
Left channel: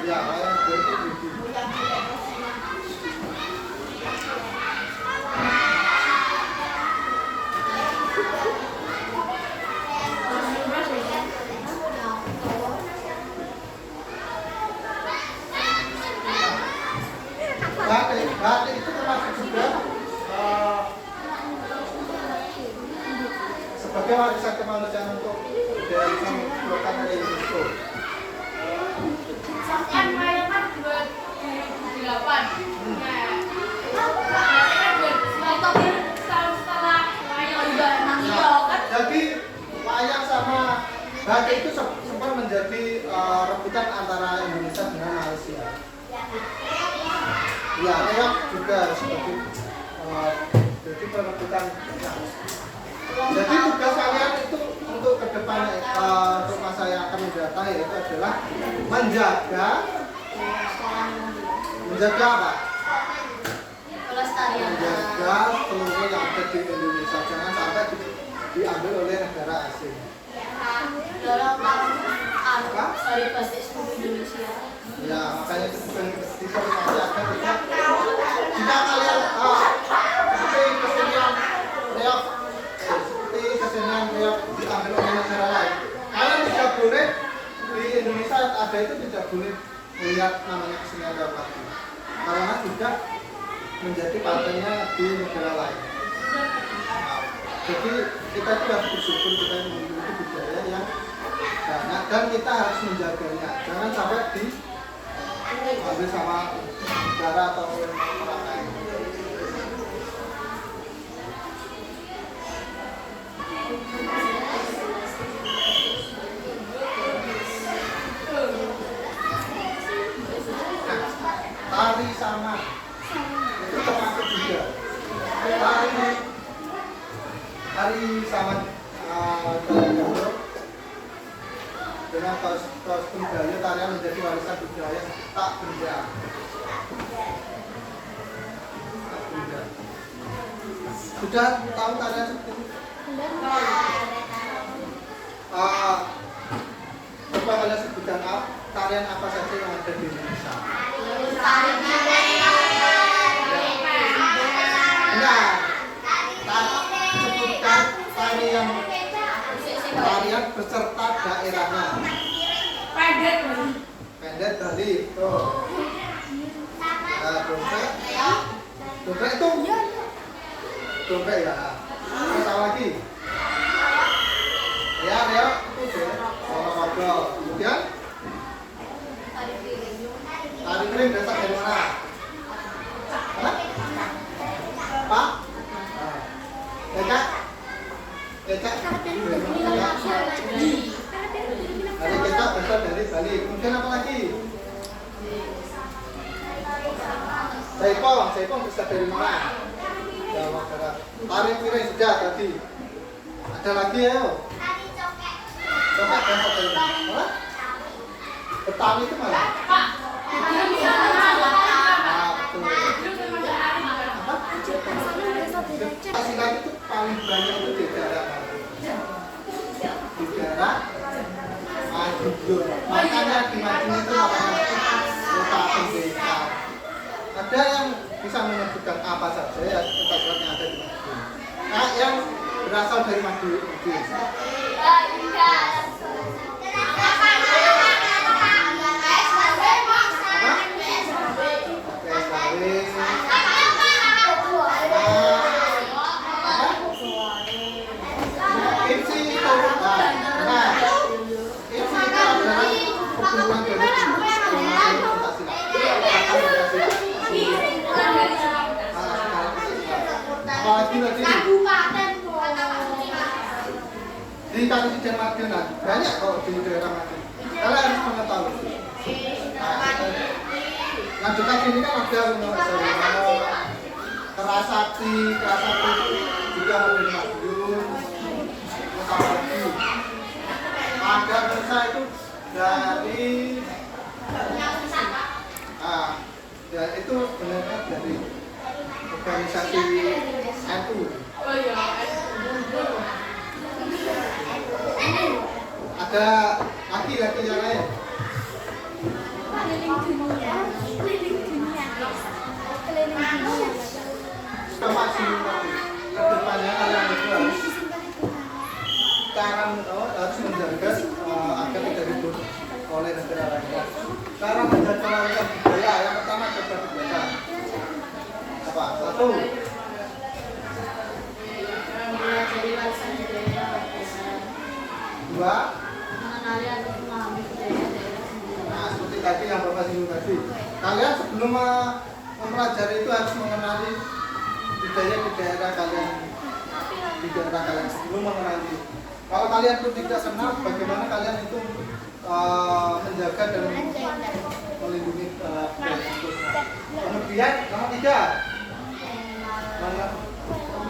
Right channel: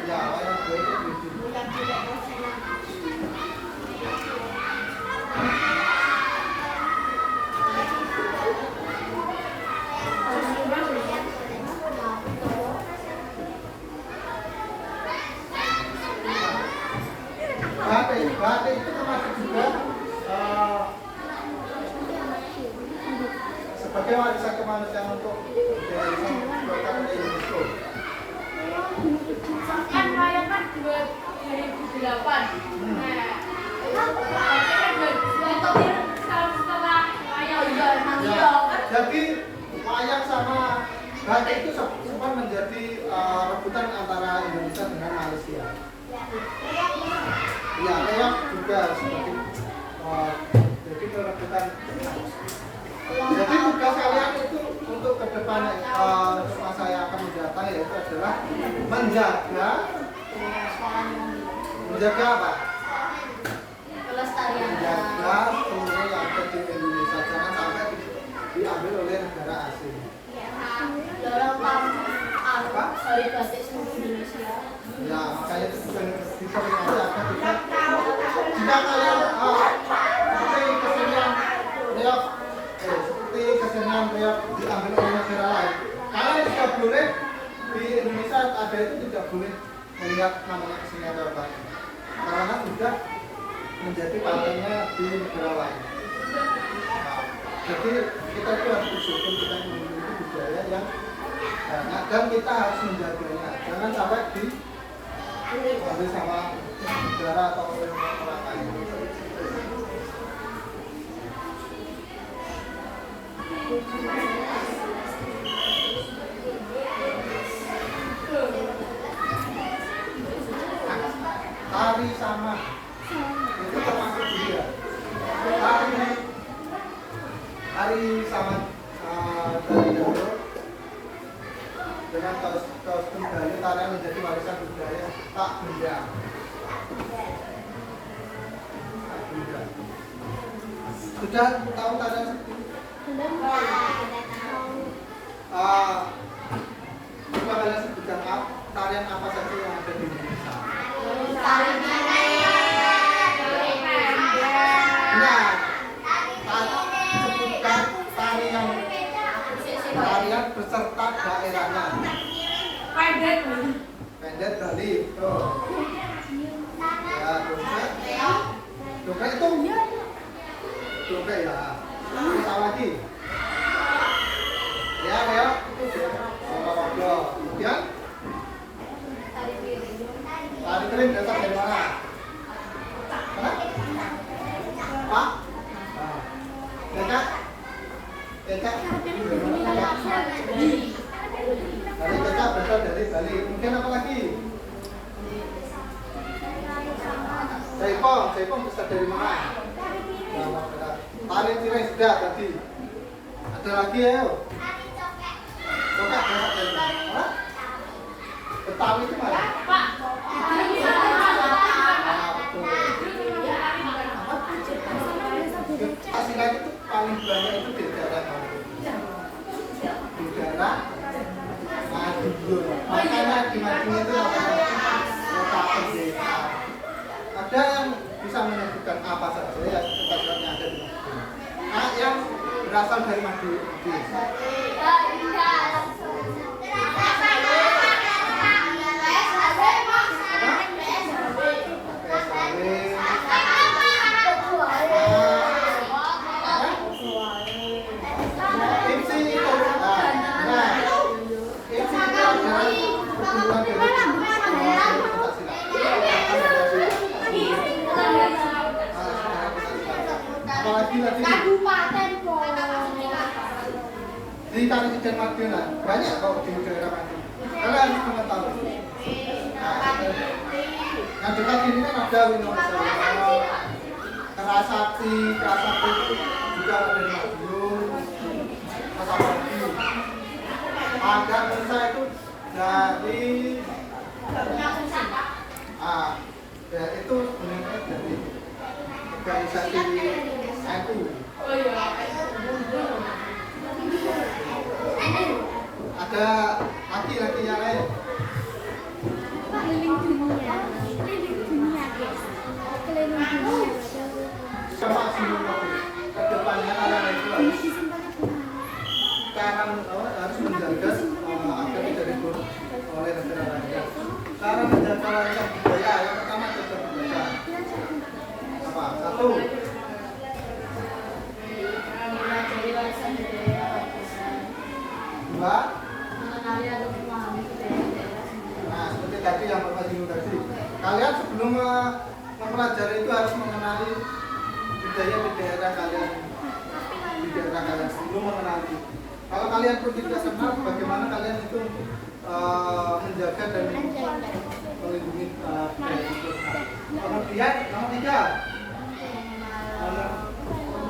Ya, wayang kulit itu di batik itu termasuk juga sebagai warisan kemanusiaan untuk budaya yang dikeluarkan oleh UNESCO. Kan wayang kan 2008. Nah, kan 2009 tahun setelah wayang udah Ya, jadi wayang sama batik itu sempat menjadi rebutan antara Indonesia dengan Malaysia. Ya, reok juga seperti jadi perebutan. Jadi tugas kalian itu untuk ke depan untuk masa yang akan mendatang yaitu adalah menjaga apa? Menjaga seluruh yang ada di Indonesia, jangan sampai diambil oleh negara asing. Ya, makanya itu bukan diskriminasi agar tidak jika kalian seperti kesenian reok diambil oleh negara lain, kalian tidak boleh di Indonesia ada itu tidak boleh melihat namanya kesenian reok lagi, karena sudah menjadi partainya di negara lain. Jadi kita itu harus bersyukur kita memiliki budaya yang banyak dan kita harus menjaganya, jangan sampai diambil sama negara atau orang lain. Tari sama itu termasuk juga tari sama dengan kostum Gayo tarian menjadi warisan budaya tak benda. Sudah tahu tarian seperti itu? Coba kalian sebutkan tarian apa saja yang ada di Indonesia. Nah, sebutkan tarian beserta daerahnya. Pendet Bali, tuh. Ya, dongkrak itu. Dongkrak ya. Terus apa lagi? Ya, itu Wadah. Kemudian tari kering berasal dari mana? Mana? Pak? Becak? Becak? Tari becak berasal dari Bali. Kemudian apa lagi? Jaipong berasal dari mana? Jawa Barat. Tari piring sudah tadi. Ada lagi ya? Coba berasal dari mana? Betawi itu mana? Silat itu paling banyak itu di daerah mana? apa saja ya tempat-tempat yang ada di Madiun. Nah, yang berasal dari Madiun. Kabupaten Di Kalisidang Madiun banyak kok di daerah Madiun. Kalian harus mengetahui. Nah, dekat sini kan ada Wonosobo, Kerasakti itu juga ada di Madiun. Apalagi ada Nusa itu dari ya itu sebenarnya dari organisasi NU. Oh iya. Ada laki-laki yang lain. keliling dunia Sama sini kedepannya kalian itu harus menjaga agar tidak ribut oleh negara lainnya. Cara menjaga warisan budaya yang pertama coba dibaca. Apa? Satu. Mempelajari warisan budaya Dua. mengenali atau memahami budaya daerah sendiri. Nah, seperti tadi yang Bapak singgung tadi. Kalian sebelum mempelajari itu harus mengenali budaya di daerah kalian. Di daerah kalian sebelum mengenali. Kalau kalian pun tidak kenal, bagaimana kalian itu menjaga dan melindungi budaya itu. Kemudian nomor 3.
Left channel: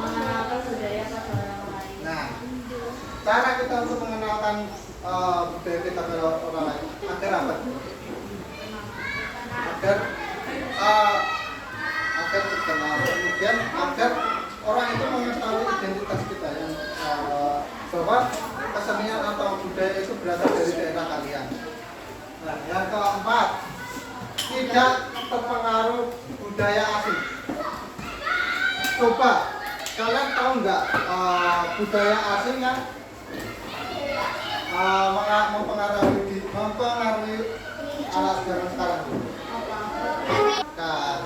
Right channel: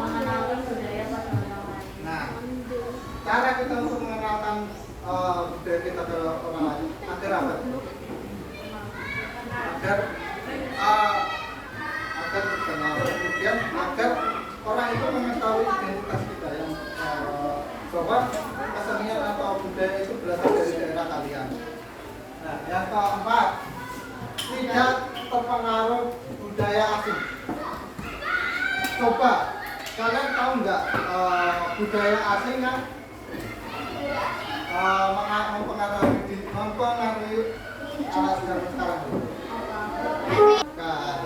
Mengenalkan budaya pada orang lain. Nah, cara kita untuk mengenalkan budaya kita ke orang lain agar apa? Agar terkenal, kemudian agar orang itu mengetahui identitas kita yang bahwa kesenian atau budaya itu berasal dari daerah kalian. Nah, yang keempat, tidak terpengaruh budaya asing. Coba kalian tahu nggak budaya asing yang mempengaruhi alat zaman sekarang? Kan?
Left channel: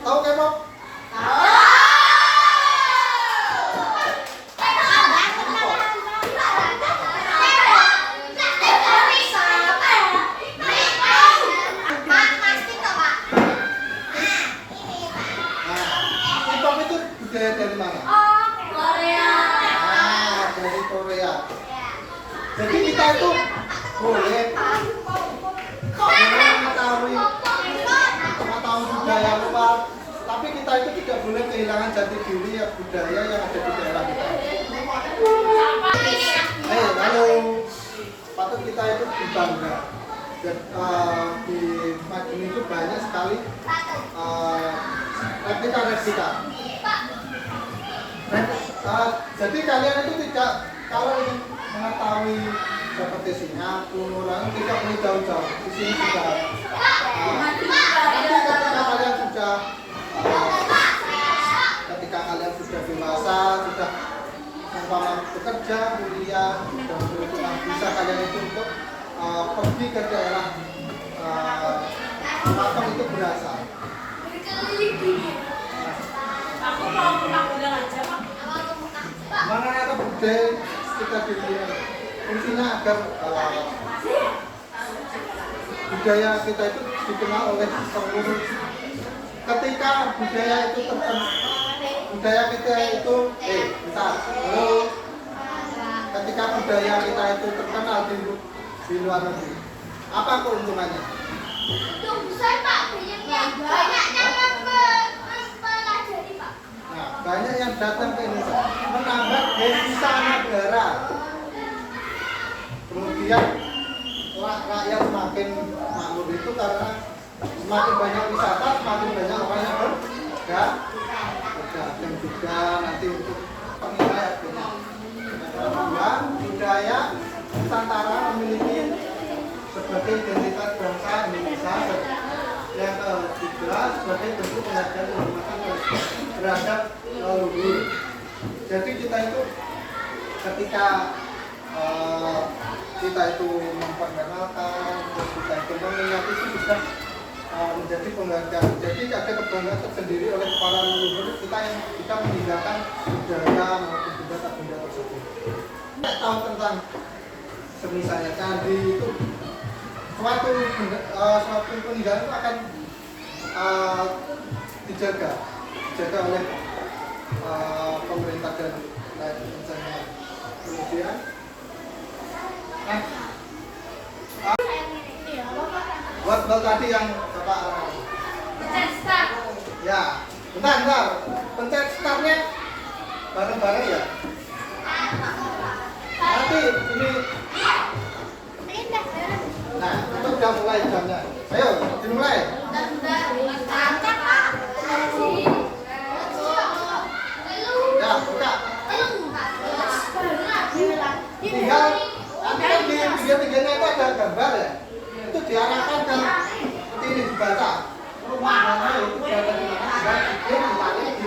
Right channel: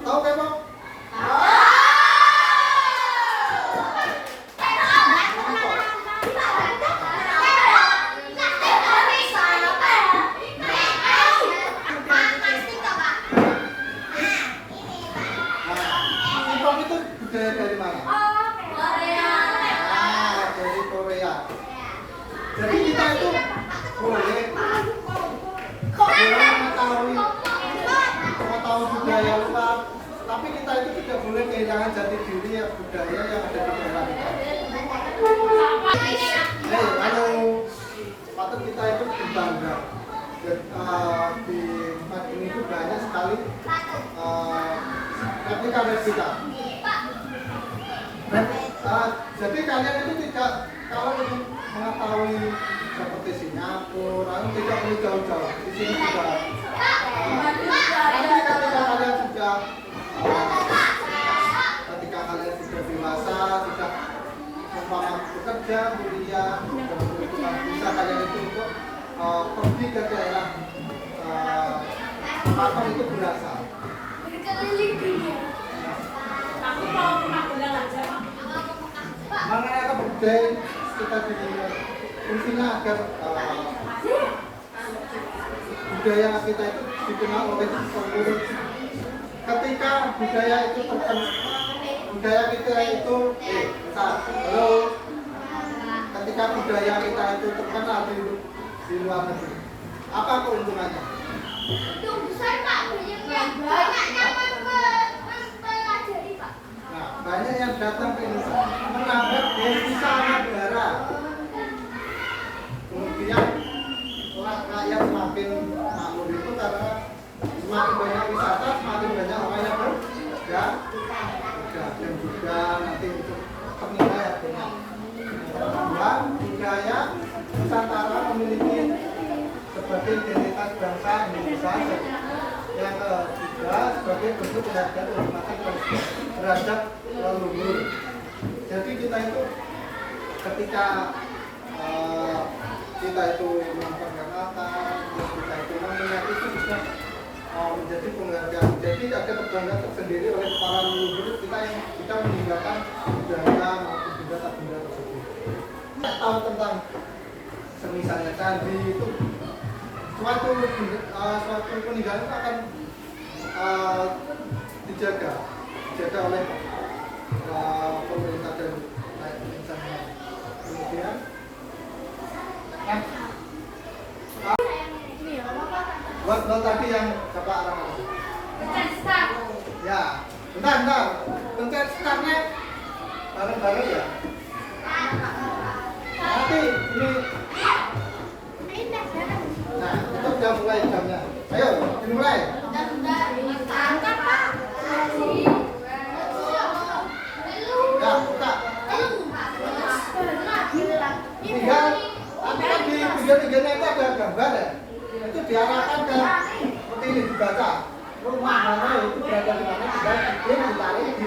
Tahu K-pop? K-pop itu budaya dari mana? Dari Korea. Jadi kita itu boleh mengetahui budaya luar, tapi kita itu tidak boleh kehilangan jati diri ya budaya yang ada di daerah kita. Halo, patut kita itu berbangga. Di Madiun itu banyak sekali replika. Jadi kalian itu tidak, kalau ingin mengetahui seperti Singapura, tidak perlu jauh-jauh. Di sini juga. Nanti ketika kalian sudah dewasa, sudah umpama bekerja, kuliah, dan berikutnya bisa kalian itu untuk pergi ke daerah pakem itu berasal. Aku mau penampilan aja, Pak. Mengenai budaya kita di sini, fungsinya agar budaya kita itu dikenal oleh seluruh. Ketika budaya itu budaya kita itu halo. Ketika budaya kita itu terkenal di luar negeri, apa keuntungannya? Nah, banyak yang datang ke Indonesia menambah devisa negara. Kemudian rakyat semakin makmur itu karena semakin banyak wisata, semakin banyak orang yang berdagang juga nanti untuk penilai harganya. Yang kedua, budaya Nusantara memiliki sebagai identitas bangsa Indonesia yang ketiga sebagai bentuk penghargaan kehormatan terhadap leluhur. Jadi kita itu ketika kita itu memperkenalkan, kita itu mengingat itu bisa menjadi penghargaan. Jadi ada kebanggaan tersendiri oleh para leluhur kita yang kita meninggalkan budaya maupun benda-benda tersebut. Tahu tentang semisalnya candi itu suatu peninggalan itu akan dijaga oleh pemerintah dan misalnya. Kemudian buat tadi yang Bapak arahkan. Pencet start. Ya, bentar. Pencet startnya bareng-bareng ya. Nanti ini. Nah, itu udah mulai jamnya. Ayo, dimulai. Ya, buka. Tinggal nanti di pinggir-pinggirnya itu ada gambar ya. Itu diarahkan ke seperti ini dibaca. Rumah mana itu berada di mana, tinggal bikin ditarik di.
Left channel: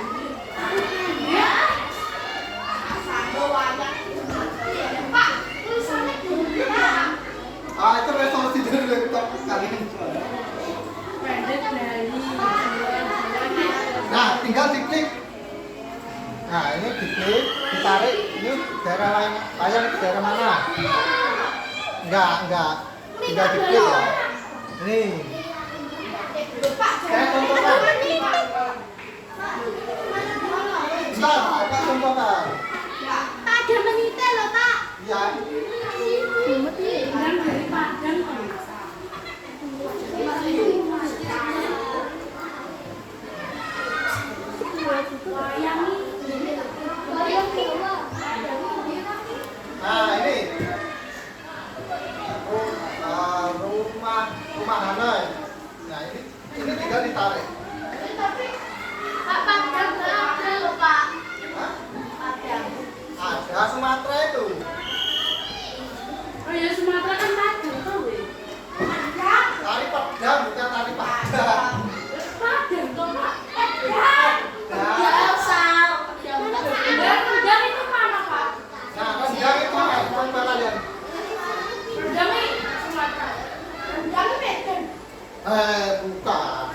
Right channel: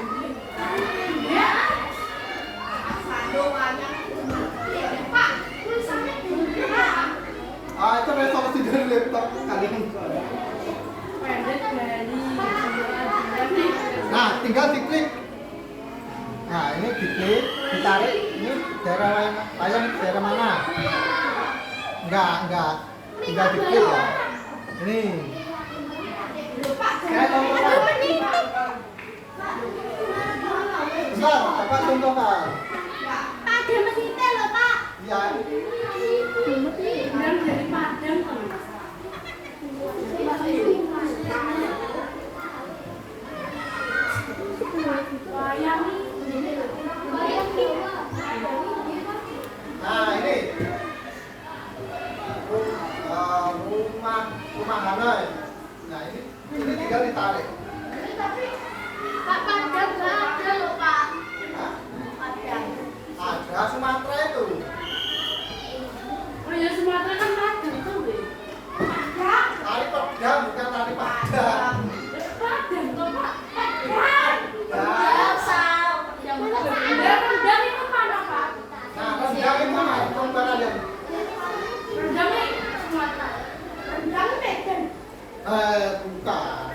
Itu resolusi dari laptop kalian. Nah, tinggal diklik. Nah, ini diklik, ditarik. Ini daerah lain, layang daerah mana? Enggak. Tinggal diklik ya. Ini. Saya contohkan. Bentar, Bapak contohkan. Pak, dia menyetel loh, Pak. Ya. Dari Padang. Nah, ini. Rumah Hanoi. Nah, ini tinggal ditarik. Pak, Padang nggak ada loh, Pak. Hah? Padang. Ada Sumatera itu. Oh ya Sumatera kan Padang tuh, weh. Tari pedang bukan tari padang. Padang tuh, Pak. Pedang. Padang itu mana, Pak? Nah, pedang itu mas, coba kalian. Padang ini Sumatera. Padang Medan. Bukan.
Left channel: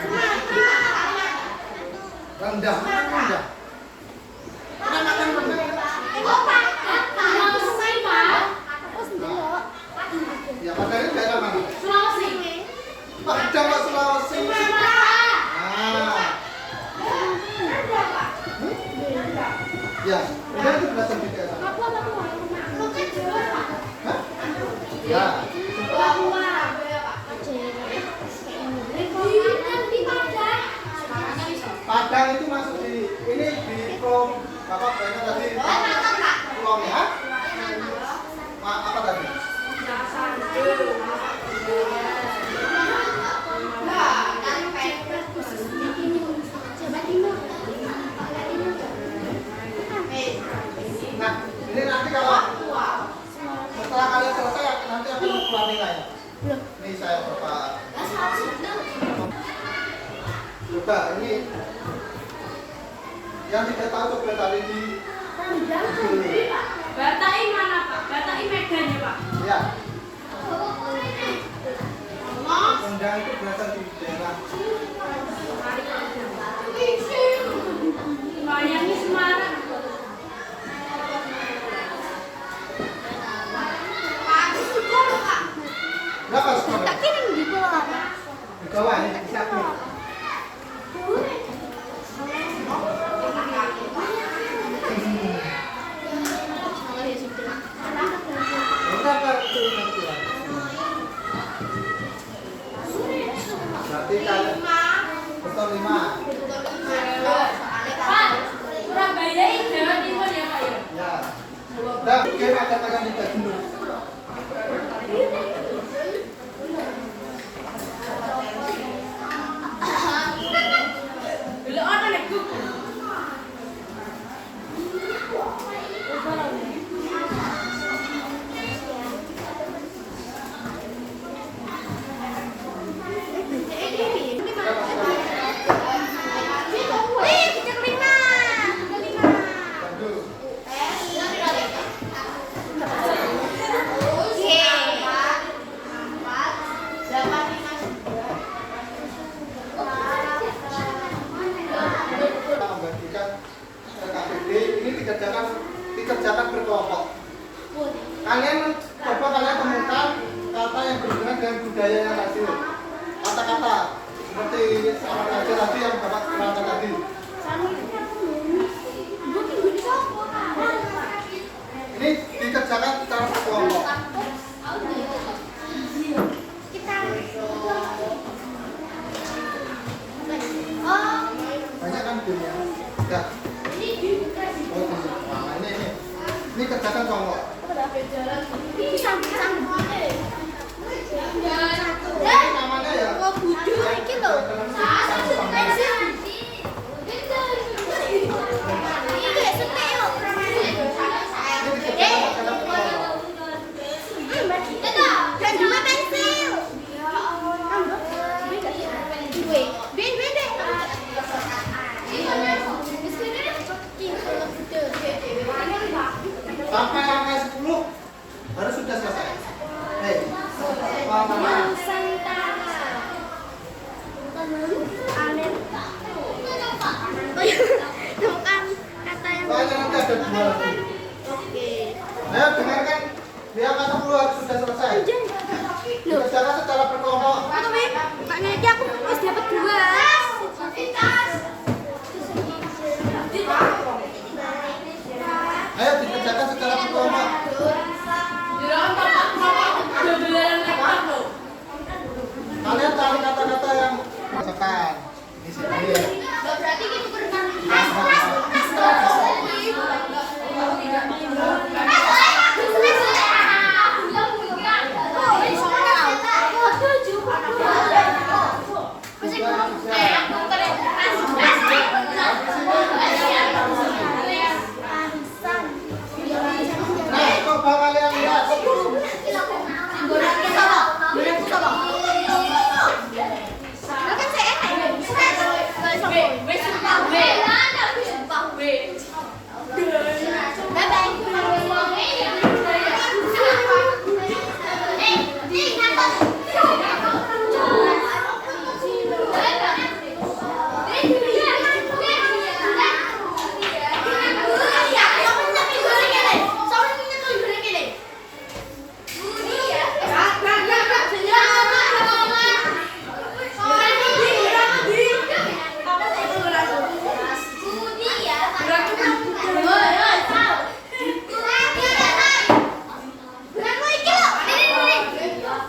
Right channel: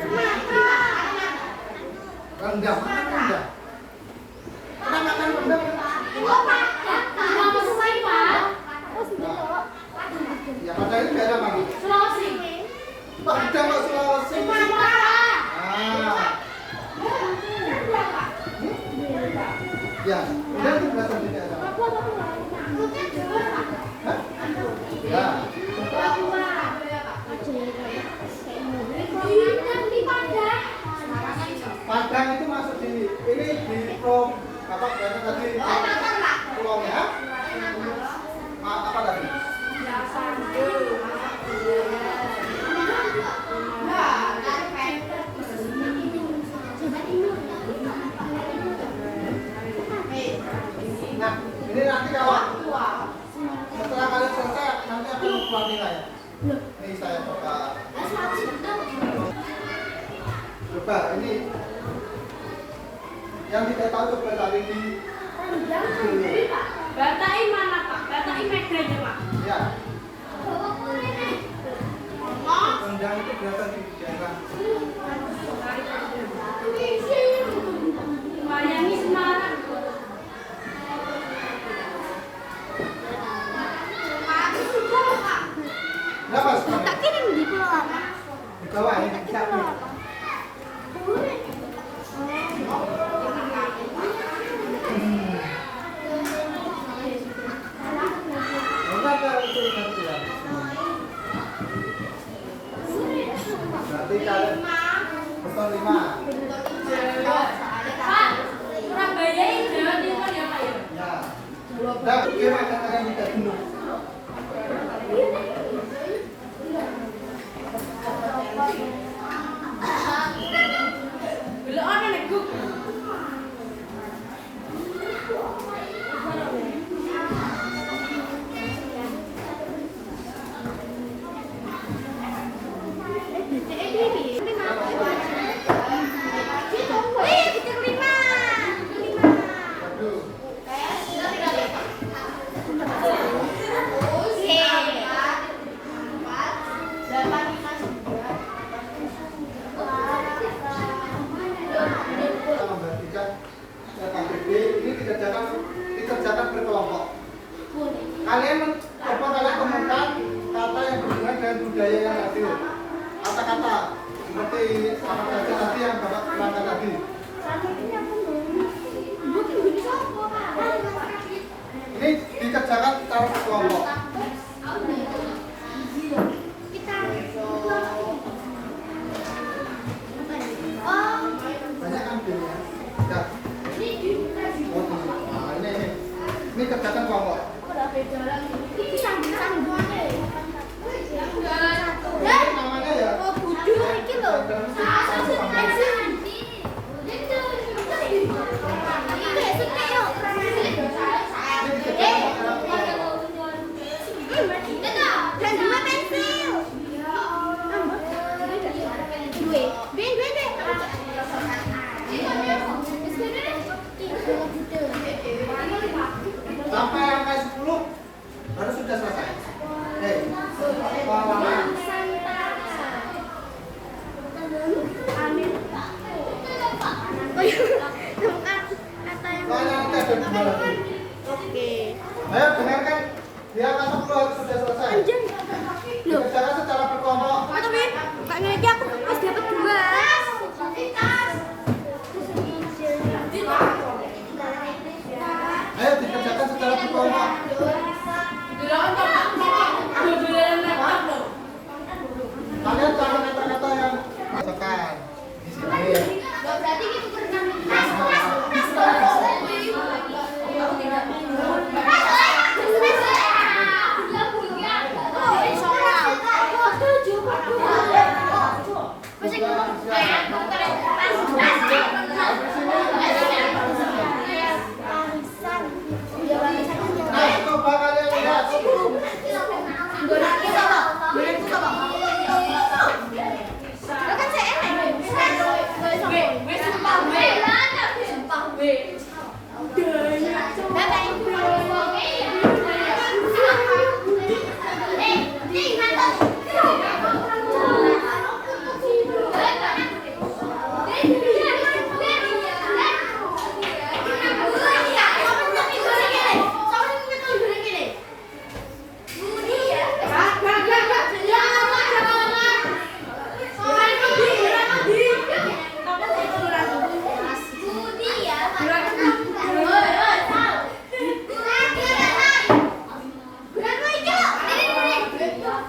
Rendang, rendang. Pernah makan rendang? Sulawesi, Pak. Ya, padang itu daerah mana? Sulawesi. Padang kok Sulawesi. Sumatera. Ah. Ya, udah itu berasal dari daerah. Hah? Ya. Padang itu masuk di ini di Pulau apa berarti tadi pulaunya? Apa tadi? Nah, ini nanti kalau setelah kalian selesai nanti aku keluar nilainya. Ini saya coba. Coba ini yang tidak tahu coba cari di Google. Batai mana, Pak? Batai Medan ya, Pak? Ya. Rendang itu berasal di daerah. Miami Semarang. Berapa sekarang? Tak kirim di pulau apa? Di bawah ini satu. Berapa itu ya? Berarti kalian betul 5. Pak, Surabaya ini Jawa Timur ya, Pak ya? Ya. Udah, kira katakan tidak dulu. Belum ada nih, Guk. dikerjakan kelompok. Itu sambung-sambung. Ini namanya ya. Oh, budu iki lho. Iki setek yo. Ini dikerjakan secara kelompok. Dan dua pensil. Dua. Ben deh. Sampai angka 10 baru sudah selesai. Hei, lama-lama. Temukan kata yang Soalnya nanti ada 2 lagi. oke. Ayo dengarkan, di angka 10 harus sudah selesai. Anjing. Loh, Dikerjakan secara berkelompok. tapi Kak Ngerti aku harus dapat 2. Ayo dikerjakan secara berkelompok. Kalian cari kata-kata yang masukkan. Di sini ya. Berarti gitu berenang. Nah, coba kalian lihat.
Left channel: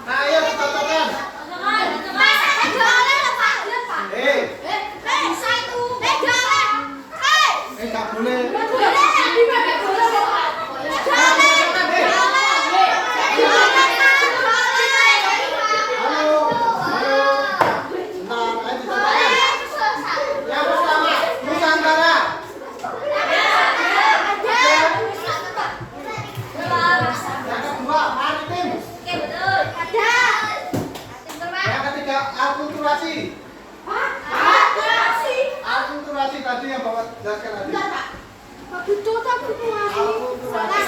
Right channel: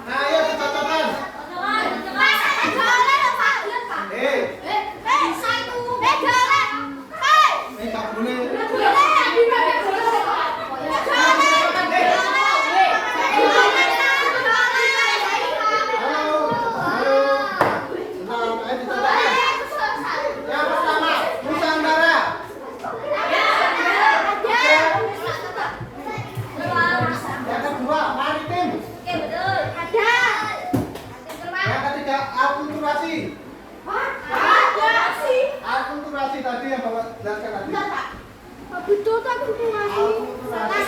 Nah, ayo dicatatkan. Tak boleh. Halo, halo. Bentar, ayo dicatatkan. Yang pertama, Nusantara. Yang kedua, maritim. Yang ketiga, akulturasi. Akulturasi tadi yang Bapak jelaskan tadi. Betul tapi Akulturasi.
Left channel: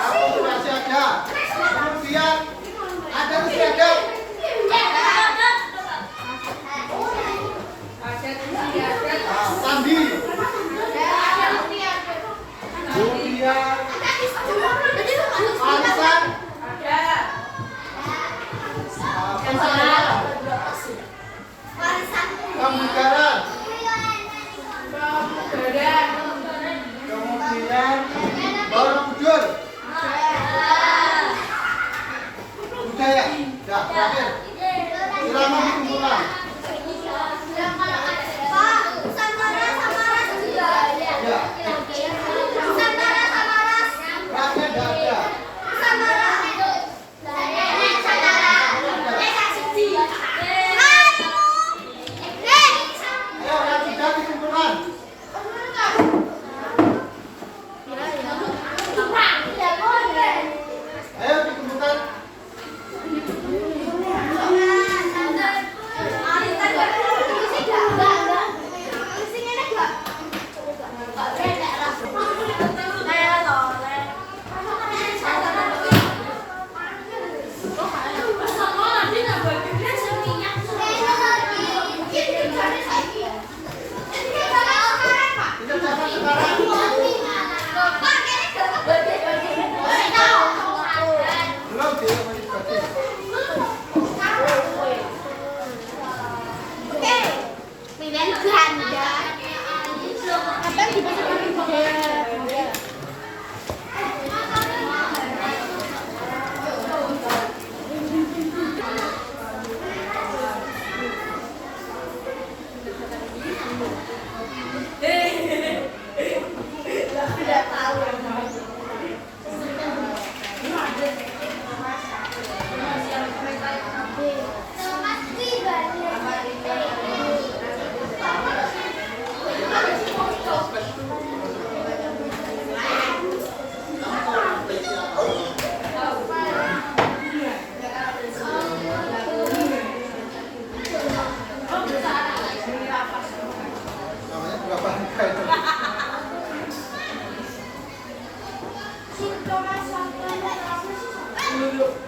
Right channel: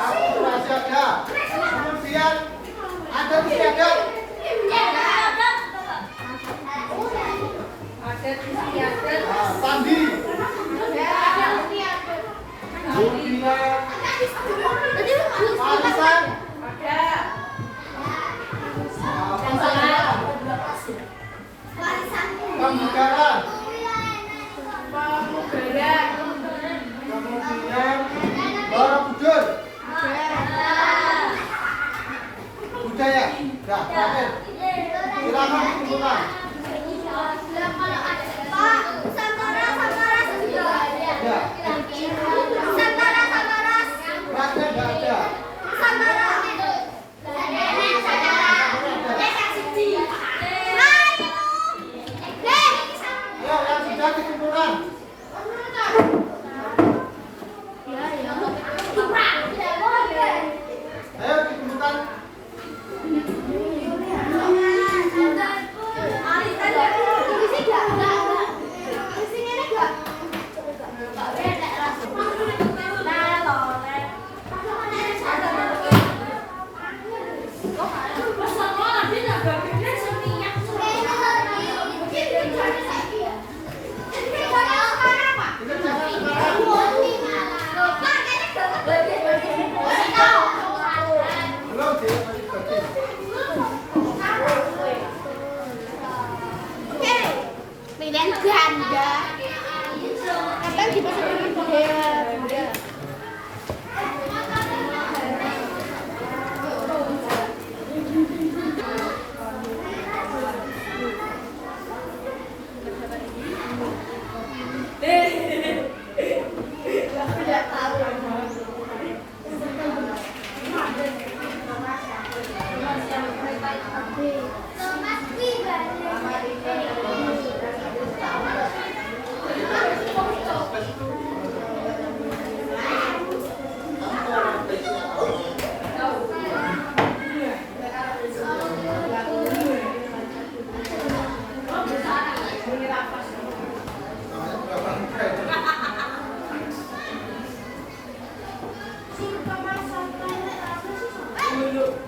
Akulturasi ada. Kemudian ada istiadat. Sandi. Kemudian warisan.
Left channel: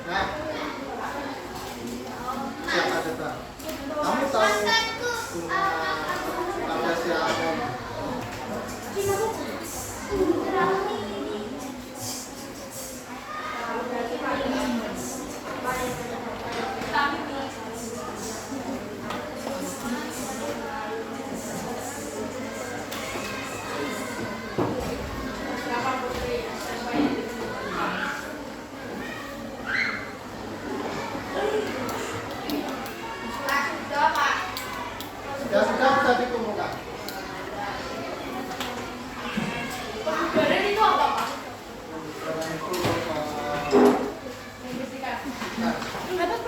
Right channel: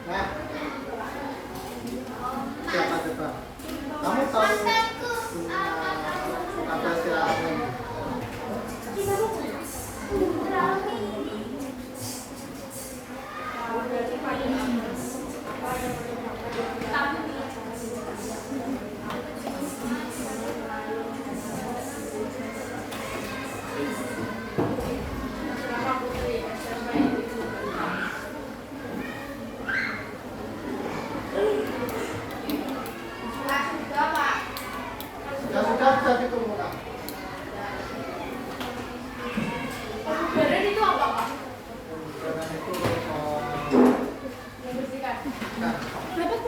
Nah, siapa coba? Kamu tahu apa siapa? Ya sudah bisa dikumpulkan. Kebugaran itu apa, Pak? Karena itu Membersihkan. nah, Pendapat.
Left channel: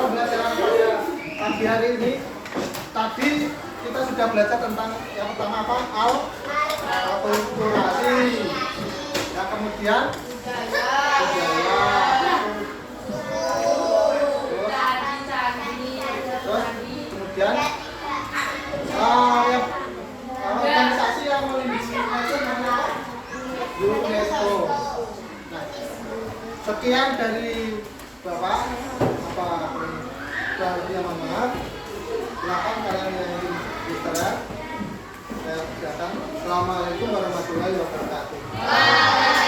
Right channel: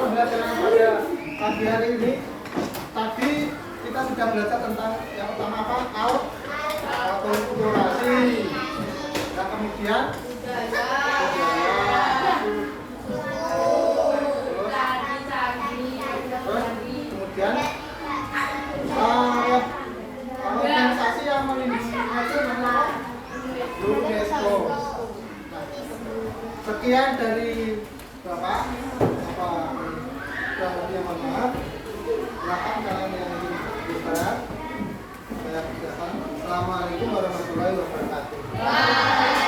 pembelajaran pada pagi hari ini tadi kita sudah belajar tentang yang pertama apa? Akulturasi, yang kemudian budaya, terus kemudian ya, organisasi yang melindungi namanya UNESCO. Nah, sekian dari Bapak, yang mohon maaf. Silakan kalian yang ingin beristirahat. Saya persilakan. Assalamualaikum warahmatullahi wabarakatuh.